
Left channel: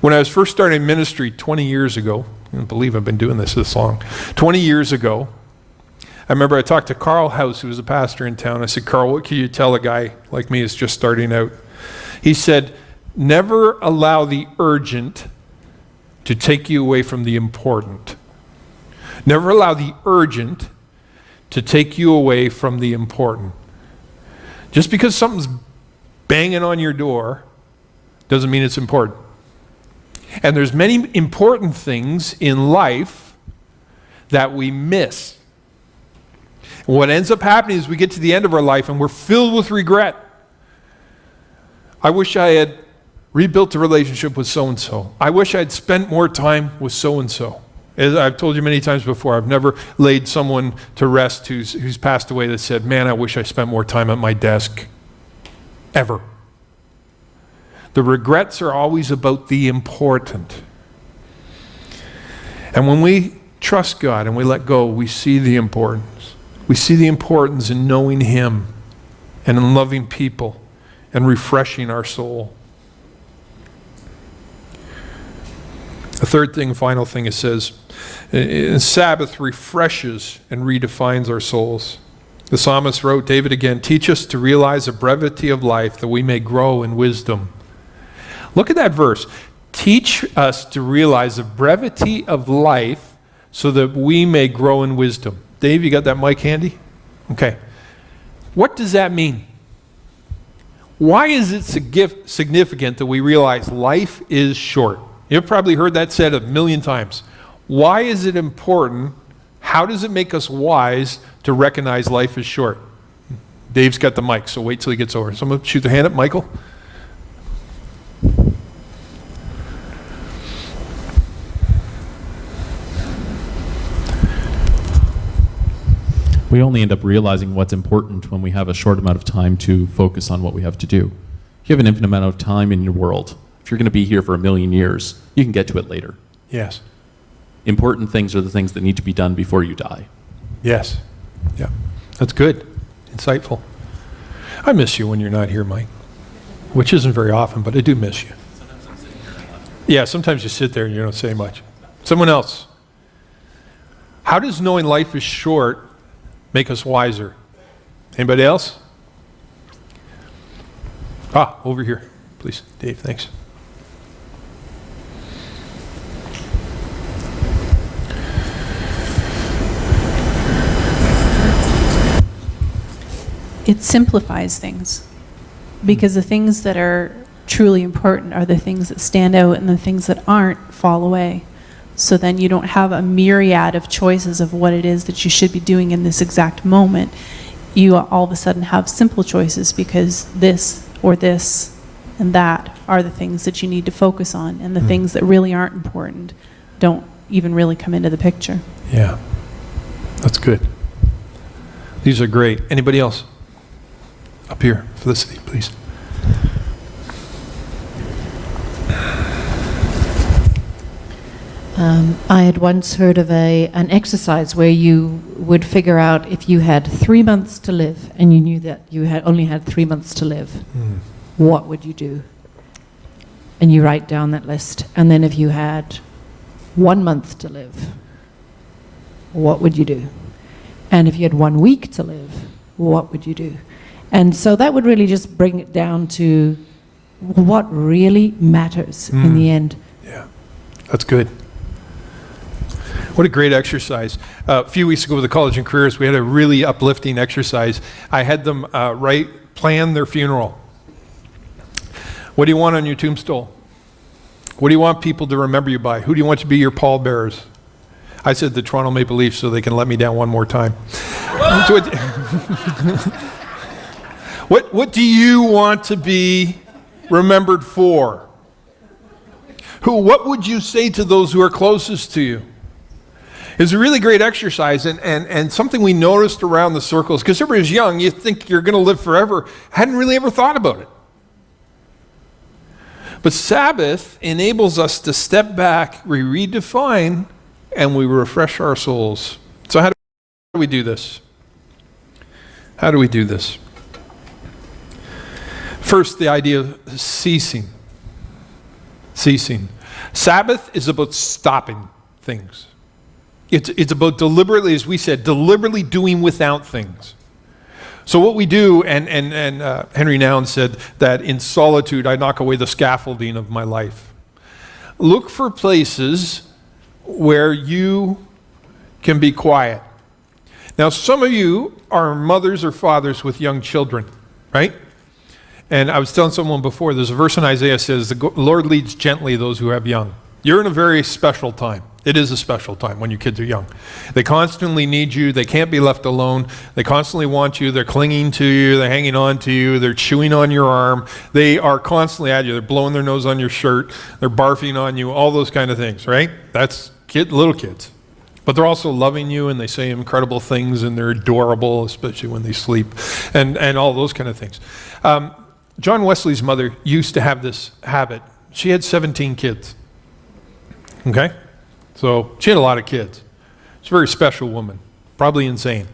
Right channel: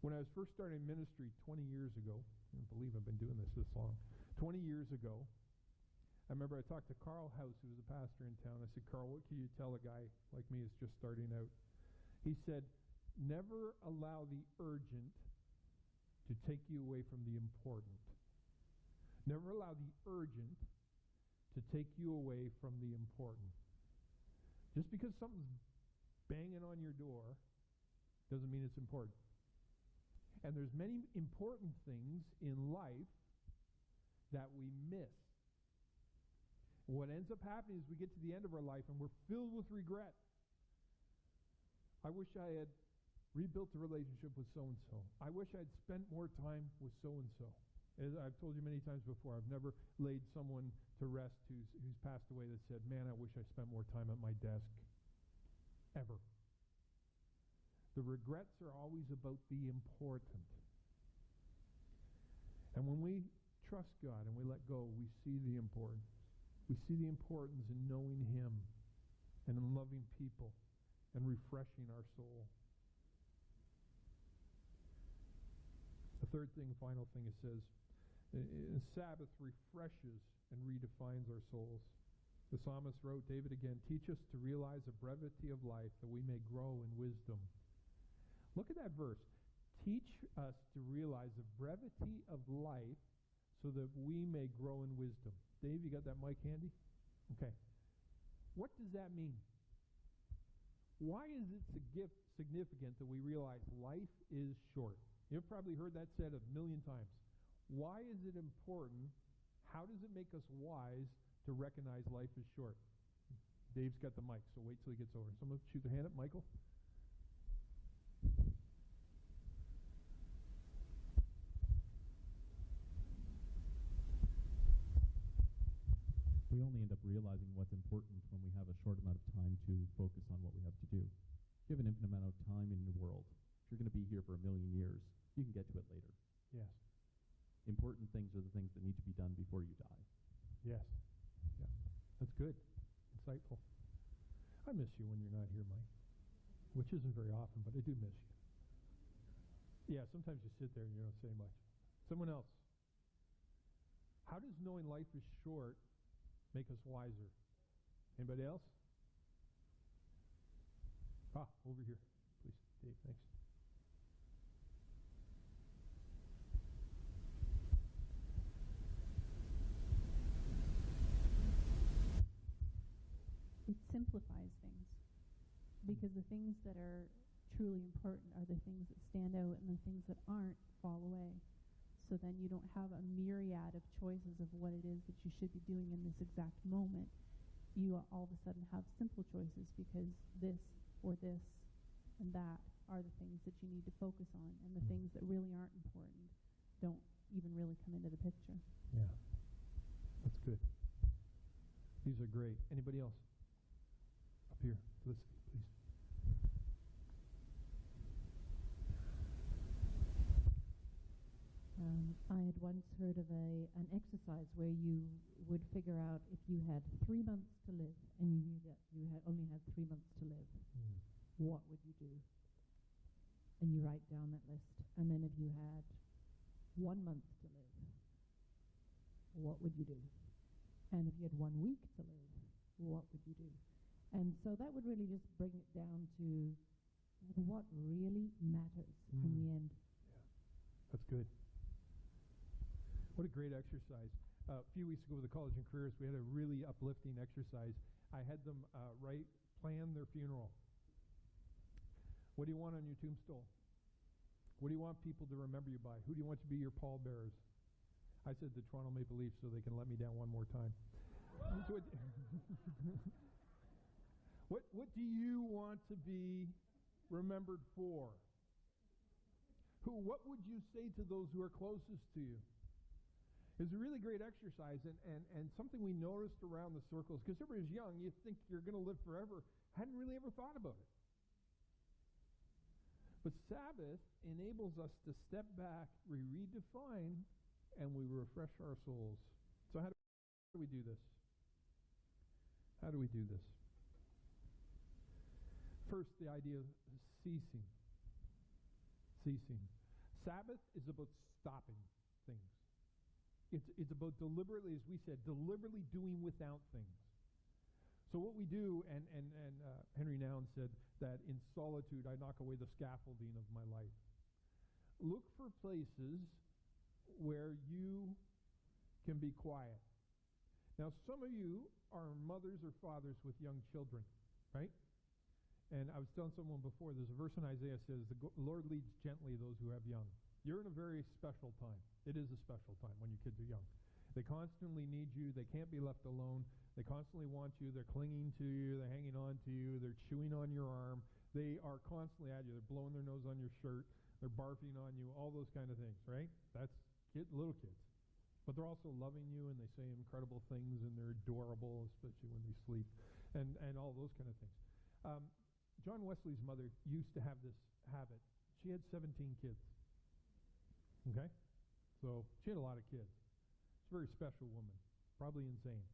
When I was first starting ministry 20 years ago, I can't believe I've been doing this long, 20 years ago, I remember I talked to Carl House, who was a pastor in town. I said, Carl, what can you tell a guy like me who's just starting out? He said, never allow the urgent to take you away from the important. Never allow the urgent to take you away from the important. Just because something's banging on your door doesn't mean it's important. And there's many important things in life that we miss. And what ends up happening is we get to the end of our life and we're filled with regret. I wish I had rebuilt a relationship with so-and-so. I wish I had spent more time with so-and-so. As I've told you many times before, I've never laid someone to rest who's passed away that said, man, I wish I spent more time at my desk. Ever. The regrets are always about the important. And when we trust God and we let go, we see the importance. We see the importance in knowing Him and in loving people and refreshing our soul. The third thing, final thing, it says, Sabbath refreshes and redefines our souls. The psalmist wrote, David again, teach us to realize the brevity of life that we may grow in wisdom. Look at that verse. Teach us to realize the brevity of life so that we may grow in wisdom. Dave, you got that mic handy? Okay. What does that mean? Why is it significant that we realize life is short? You've probably heard that said a million times. Why is it important? How does it make us wise to recognize life is short? Dave's got the mic, so wait till he gets over. Someone shoot their hand up. Michael? We only end up realizing what's important when we have a short amount of time to focus on what we have to do. If you have an infinite amount of time in your world, if you're going to be here for 1,000,000 years, you can get to it later. Yes. Important things are the things that need to be done before you die. Yes. Yeah. That's good. Insightful. I miss you when you're not here, Mike. Which isn't very often, but I do miss you. Yeah, sometimes you sit there and you don't say much. Someone else. How does knowing life is short make us wiser? Anybody else? Over here, please. Dave, thanks. It simplifies things, because the things that are truly important are the things that stand out, and the things that aren't fall away. So then you don't have a myriad of choices of what it is that you should be doing in this exact moment. You all of a sudden have simple choices, because this or this and that are the things that you need to focus on, and the things that really aren't important don't even really come into the picture. Yeah, that's good. These are great. Anybody else? Up here, Felicity, please. I had once heard of an exercise where you would figure out if you had 3 months to live and you knew that you only had 3 months to live, what would you do? And you write down that list. And then if you had 1 month to live, what would you do? And if you had 1 week to live, what would you do? And so that would really just bring it down to what really matters in the end. Yeah, that's good. What a great exercise. A few weeks ago with the College and Careers, we had a really uplifting exercise. I had them plan their funeral. What do you want on your tombstone? What do you want people to remember you by? Who do you want to be your pallbearers? I said the Toronto Maple Leafs so they can let me down one more time. What do you want to be remembered for? What would you say to those who are closest to you? It's a really great exercise, and something we noticed around the circles, because everybody's young, you think you're going to live forever. Hadn't really ever thought about it. But Sabbath enables us to step back, we redefine, and we refresh our souls. So how do we do this? How do we do this? First, the idea of ceasing. Ceasing. Sabbath is about stopping things. It's about deliberately, as we said, deliberately doing without things. So what we do, and Henry Nouwen said that in solitude I knock away the scaffolding of my life. Look for places where you can be quiet. Now, some of you are mothers or fathers with young children, right? And I was telling someone before, there's a verse in Isaiah that says, the Lord leads gently those who have young. You're in a very special time. It is a special time when your kids are young. They constantly need you. They can't be left alone. They constantly want you. They're clinging to you. They're hanging on to you. They're chewing on your arm. They are constantly at you. They're blowing their nose on your shirt. They're barfing on you, all those kind of things, right? That's little kids. But they're also loving you, and they say incredible things, and they're adorable, especially when they sleep, and all those kind of things. John Wesley's mother used to have this habit. She had 17 kids. Okay? So she had a lot of kids. She's a very special woman, probably insane.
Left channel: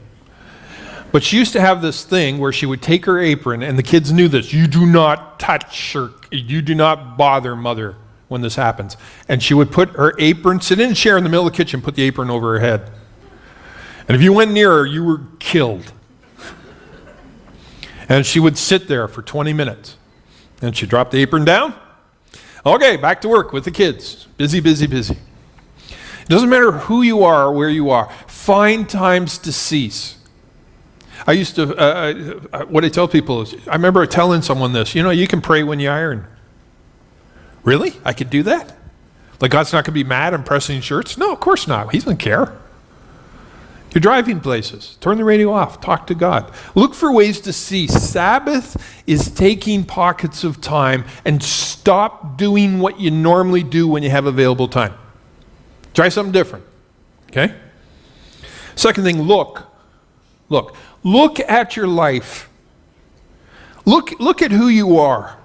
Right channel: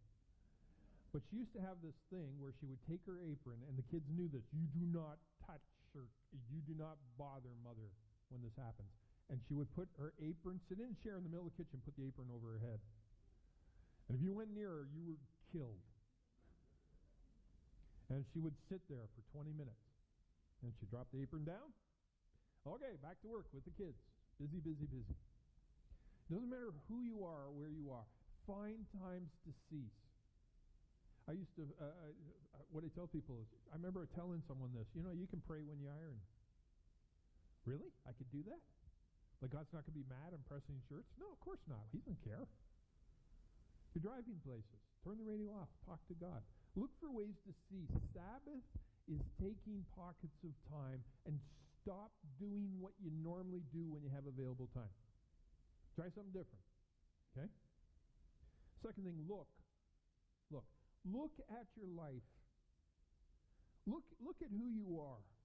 But she used to have this thing where she would take her apron, and the kids knew this. You do not touch her. You do not bother mother when this happens. And she would put her apron, sit in a chair in the middle of the kitchen, put the apron over her head. And if you went near her, you were killed. And she would sit there for 20 minutes. And she'd drop the apron down. Okay, back to work with the kids. Busy, busy, busy. It doesn't matter who you are or where you are. Find times to cease. I used to, what I tell people is, I remember telling someone this, you can pray when you iron. Really? I could do that? Like God's not going to be mad I'm pressing shirts? No, of course not. He doesn't care. You're driving places. Turn the radio off. Talk to God. Look for ways to cease. Sabbath is taking pockets of time and stop doing what you normally do when you have available time. Try something different. Okay? Second thing, look. Look at your life. Look at who you are.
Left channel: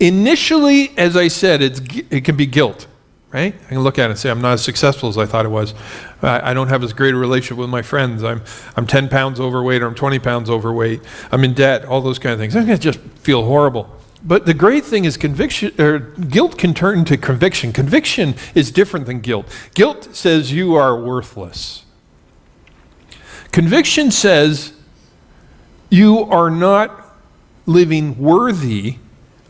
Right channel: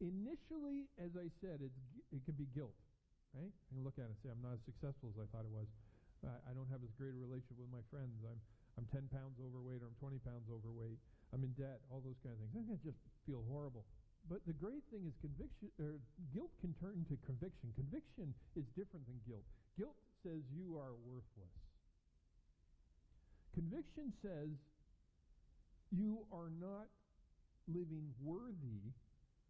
Initially, as I said, it can be guilt, right? I can look at it and say, I'm not as successful as I thought I was. I don't have as great a relationship with my friends. I'm 10 pounds overweight, or I'm 20 pounds overweight. I'm in debt, all those kind of things. I'm going to just feel horrible. But the great thing is guilt can turn into conviction. Conviction is different than guilt. Guilt says you are worthless. Conviction says you are not living worthy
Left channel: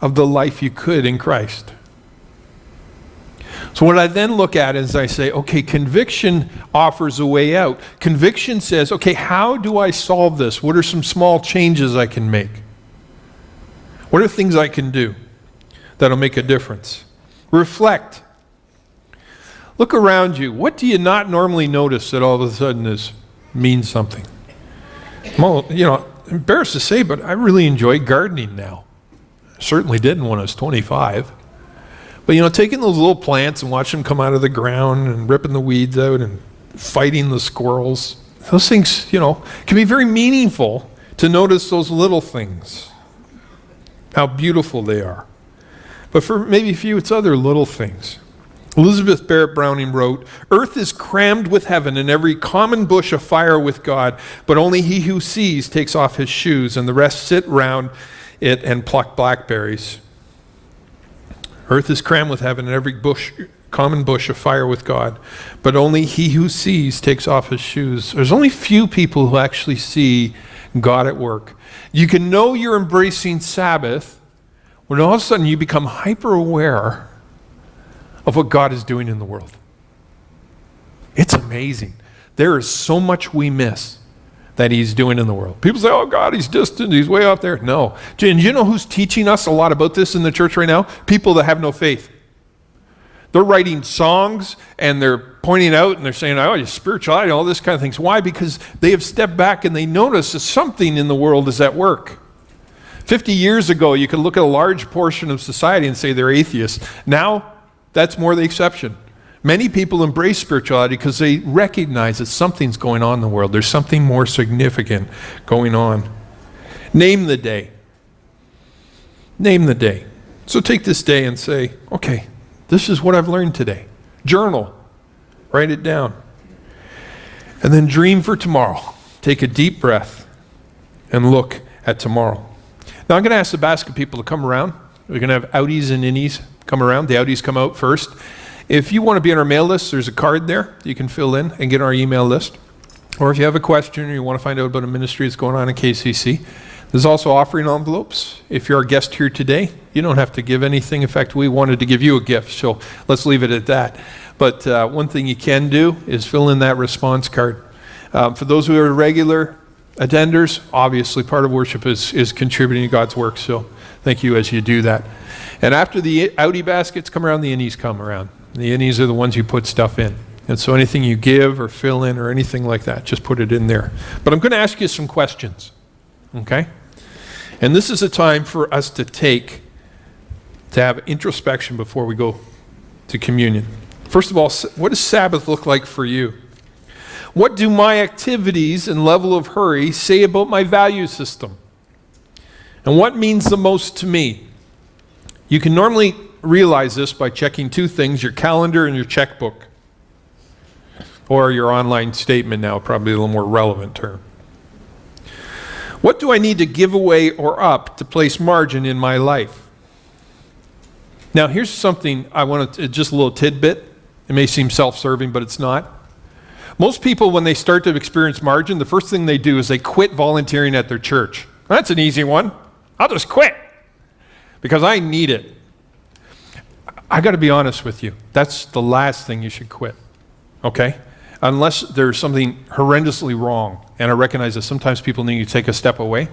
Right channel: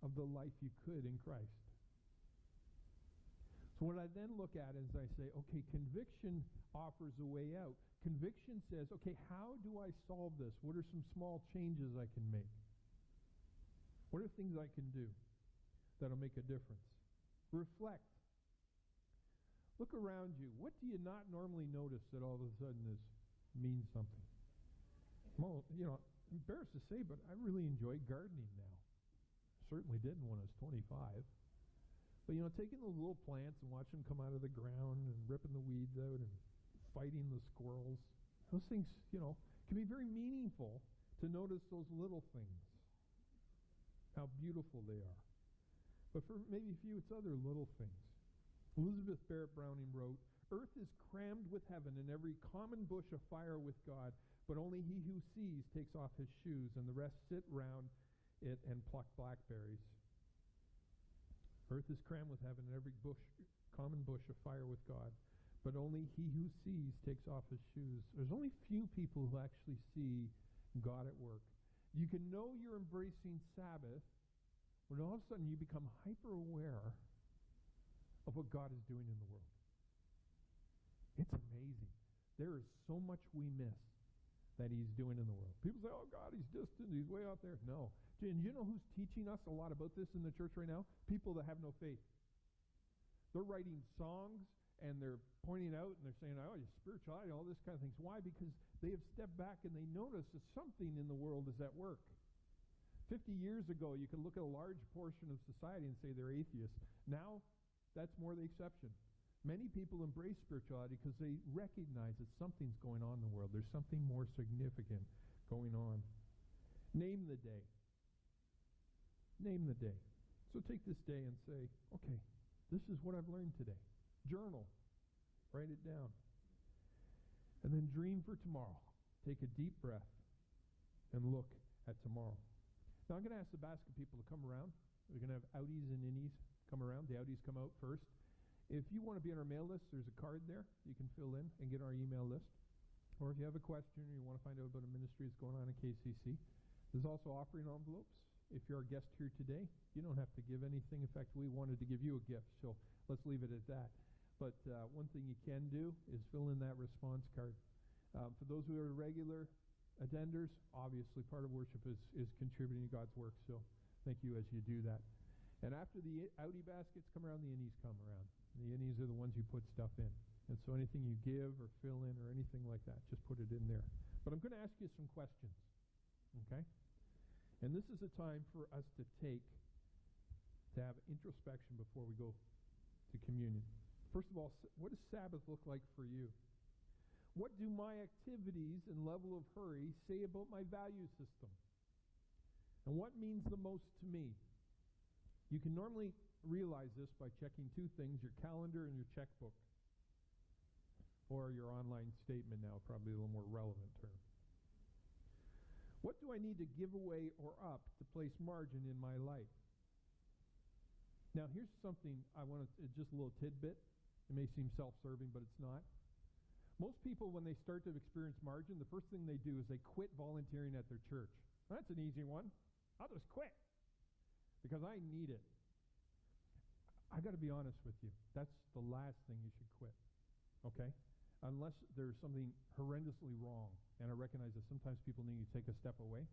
of the life you could in Christ. So what I then look at is I say, okay, conviction offers a way out. Conviction says, okay, how do I solve this? What are some small changes I can make? What are things I can do that'll make a difference? Reflect. Look around you. What do you not normally notice that all of a sudden means something? Well, embarrassed to say, but I really enjoy gardening now. I certainly didn't when I was 25. But taking those little plants and watching them come out of the ground and ripping the weeds out and fighting the squirrels, those things, can be very meaningful to notice those little things, how beautiful they are. But for maybe a few, it's other little things. Elizabeth Barrett Browning wrote, "Earth is crammed with heaven, and every common bush afire with God, but only he who sees takes off his shoes, and the rest sit round it and pluck blackberries." Earth is crammed with heaven, and every common bush afire with God, but only he who sees takes off his shoes. There's only few people who actually see God at work. You can know you're embracing Sabbath when all of a sudden you become hyper aware of what God is doing in the world. It's amazing. There is so much we miss that he's doing in the world. People say, oh, God, he's distant, he's way off there. No. And you know who's teaching us a lot about this in the church right now? People that have no faith. They're writing songs, and they're pointing out, and they're saying, oh, your spirituality, all this kind of things. Why? Because they have stepped back, and they notice that something in the world is at work. 50 years ago, you could look at a large portion of society and say they're atheists. Now, that's more the exception. Many people embrace spirituality because they recognize that something's going on in the world. There's something more significant going on. Name the day. Name the day. So take this day and say, okay, this is what I've learned today. Journal. Write it down. And then dream for tomorrow. Take a deep breath and look at tomorrow. Now I'm going to ask the basket people to come around. We're going to have outies and innies come around. The outies come out first. If you want to be on our mail list, there's a card there you can fill in and get on our email list. Or if you have a question or you want to find out about a ministry that's going on in KCC, there's also offering envelopes. If you're our guest here today, you don't have to give anything. In fact, we wanted to give you a gift, so let's leave it at that. But one thing you can do is fill in that response card. For those who are regular attenders, obviously part of worship is contributing to God's work, so thank you as you do that. And after the outie baskets come around, the innies come around. The innies are the ones you put stuff in. And so anything you give or fill in or anything like that, just put it in there. But I'm going to ask you some questions, okay? And this is a time for us to have introspection before we go to communion. First of all, what does Sabbath look like for you? What do my activities and level of hurry say about my value system? And what means the most to me? You can normally realize this by checking two things, your calendar and your checkbook. Or your online statement now, probably a little more relevant term. What do I need to give away or up to place margin in my life? Now, here's something I want to, just a little tidbit. It may seem self-serving, but it's not. Most people, when they start to experience margin, the first thing they do is they quit volunteering at their church. That's an easy one. I'll just quit because I need it. I got to be honest with you. That's the last thing you should quit, okay? Unless there's something horrendously wrong. And I recognize that sometimes people need to take a step away.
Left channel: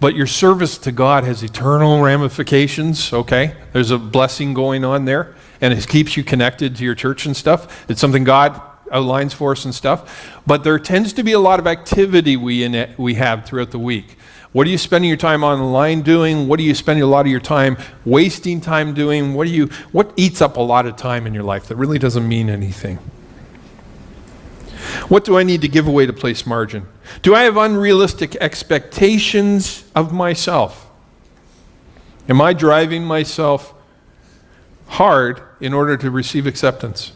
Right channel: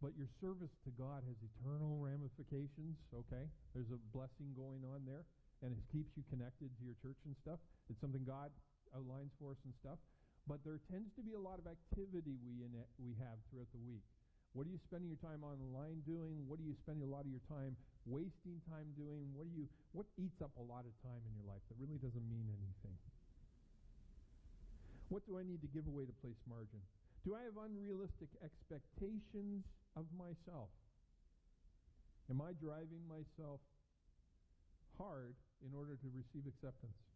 But your service to God has eternal ramifications, okay? There's a blessing going on there, and it keeps you connected to your church and stuff. It's something God outlines for us and stuff. But there tends to be a lot of activity we have throughout the week. What are you spending your time online doing? What are you spending a lot of your time wasting time doing? What eats up a lot of time in your life that really doesn't mean anything? What do I need to give away to place margin? Do I have unrealistic expectations of myself? Am I driving myself hard in order to receive acceptance?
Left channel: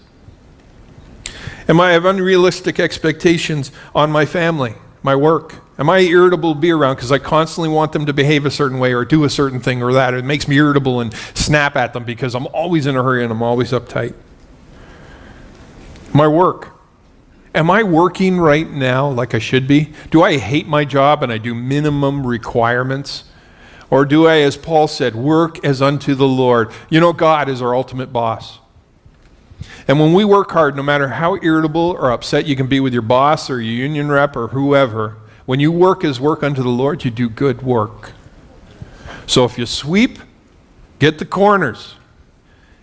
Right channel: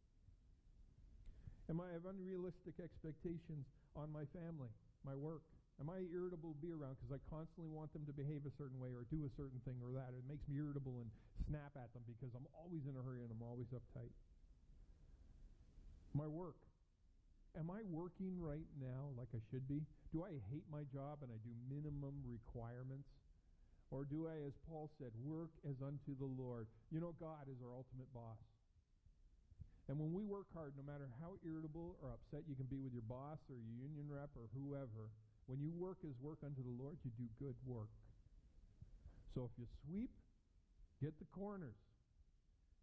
Am I have unrealistic expectations on my family, my work? Am I irritable to be around because I constantly want them to behave a certain way or do a certain thing or that? It makes me irritable and snap at them because I'm always in a hurry and I'm always uptight. My work. Am I working right now like I should be? Do I hate my job and I do minimum requirements? Or do I, as Paul said, work as unto the Lord? You know, God is our ultimate boss. And when we work hard, no matter how irritable or upset you can be with your boss or your union rep or whoever, when you work as work unto the Lord, you do good work. So if you sweep, get the corners.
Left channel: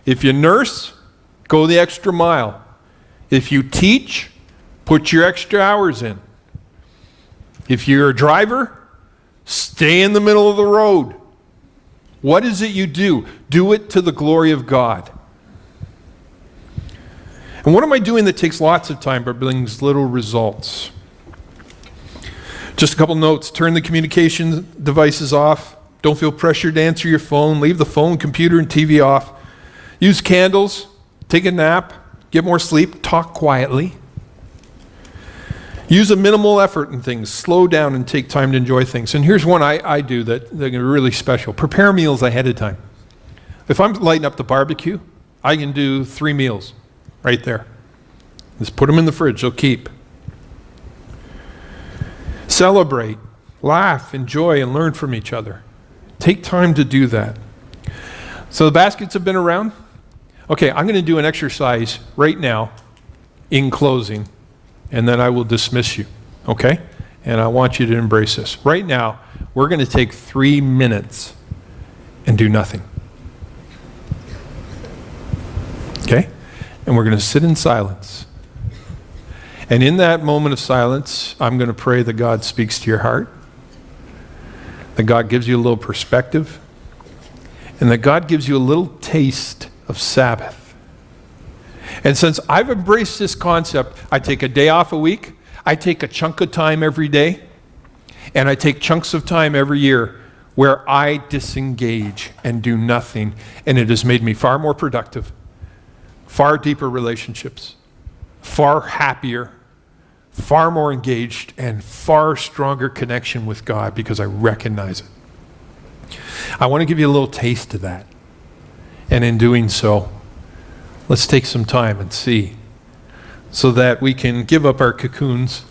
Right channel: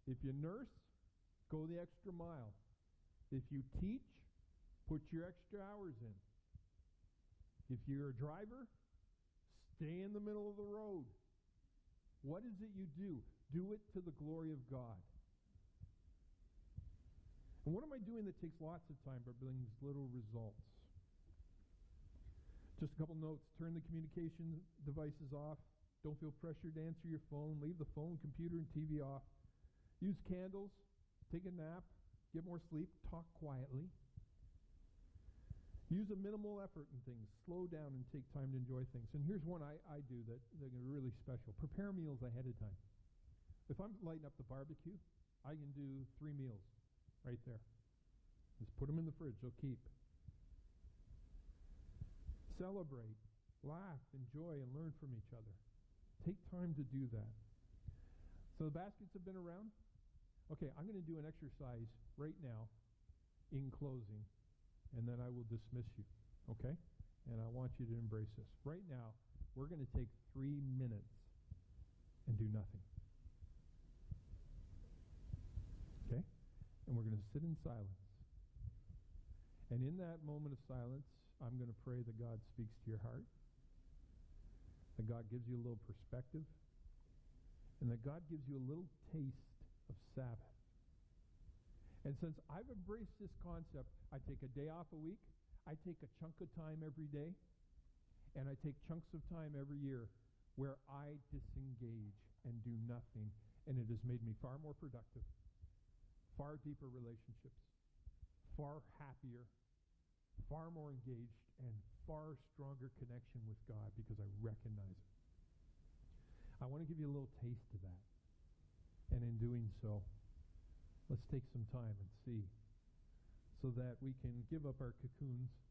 If you nurse, go the extra mile. If you teach, put your extra hours in. If you're a driver, stay in the middle of the road. What is it you do? Do it to the glory of God. And what am I doing that takes lots of time but brings little results? Just a couple notes. Turn the communication devices off. Don't feel pressured to answer your phone. Leave the phone, computer, and TV off. Use candles. Take a nap. Get more sleep. Talk quietly. Use a minimal effort in things. Slow down and take time to enjoy things. And here's one I do that are really special. Prepare meals ahead of time. If I'm lighting up the barbecue, I can do 3 meals right there. Just put them in the fridge. They'll keep. Celebrate, laugh, enjoy, and learn from each other. Take time to do that. So the baskets have been around. Okay, I'm going to do an exercise right now in closing. And then I will dismiss you, okay? And I want you to embrace this. Right now, we're going to take 3 minutes and do nothing. Okay? And we're going to sit in silence. And in that moment of silence, I'm going to pray that God speaks to your heart, that God gives you a little perspective, and that God gives you a little taste of Sabbath. And since I've embraced this concept, I take a day off a week, I take a chunk of time every day, and I take chunks of time every year where I disengage and do nothing, and it has made me far more productive, far deeper relationships, far happier, far more engaged, and far stronger connection with God because I recognize it. I want to give you a little taste of that. And in doing so, let's take some time and see so that we can give up our cocoons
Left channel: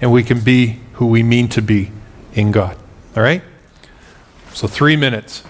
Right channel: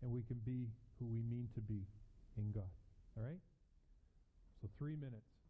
and we can be who we mean to be in God. All right? So 3 minutes.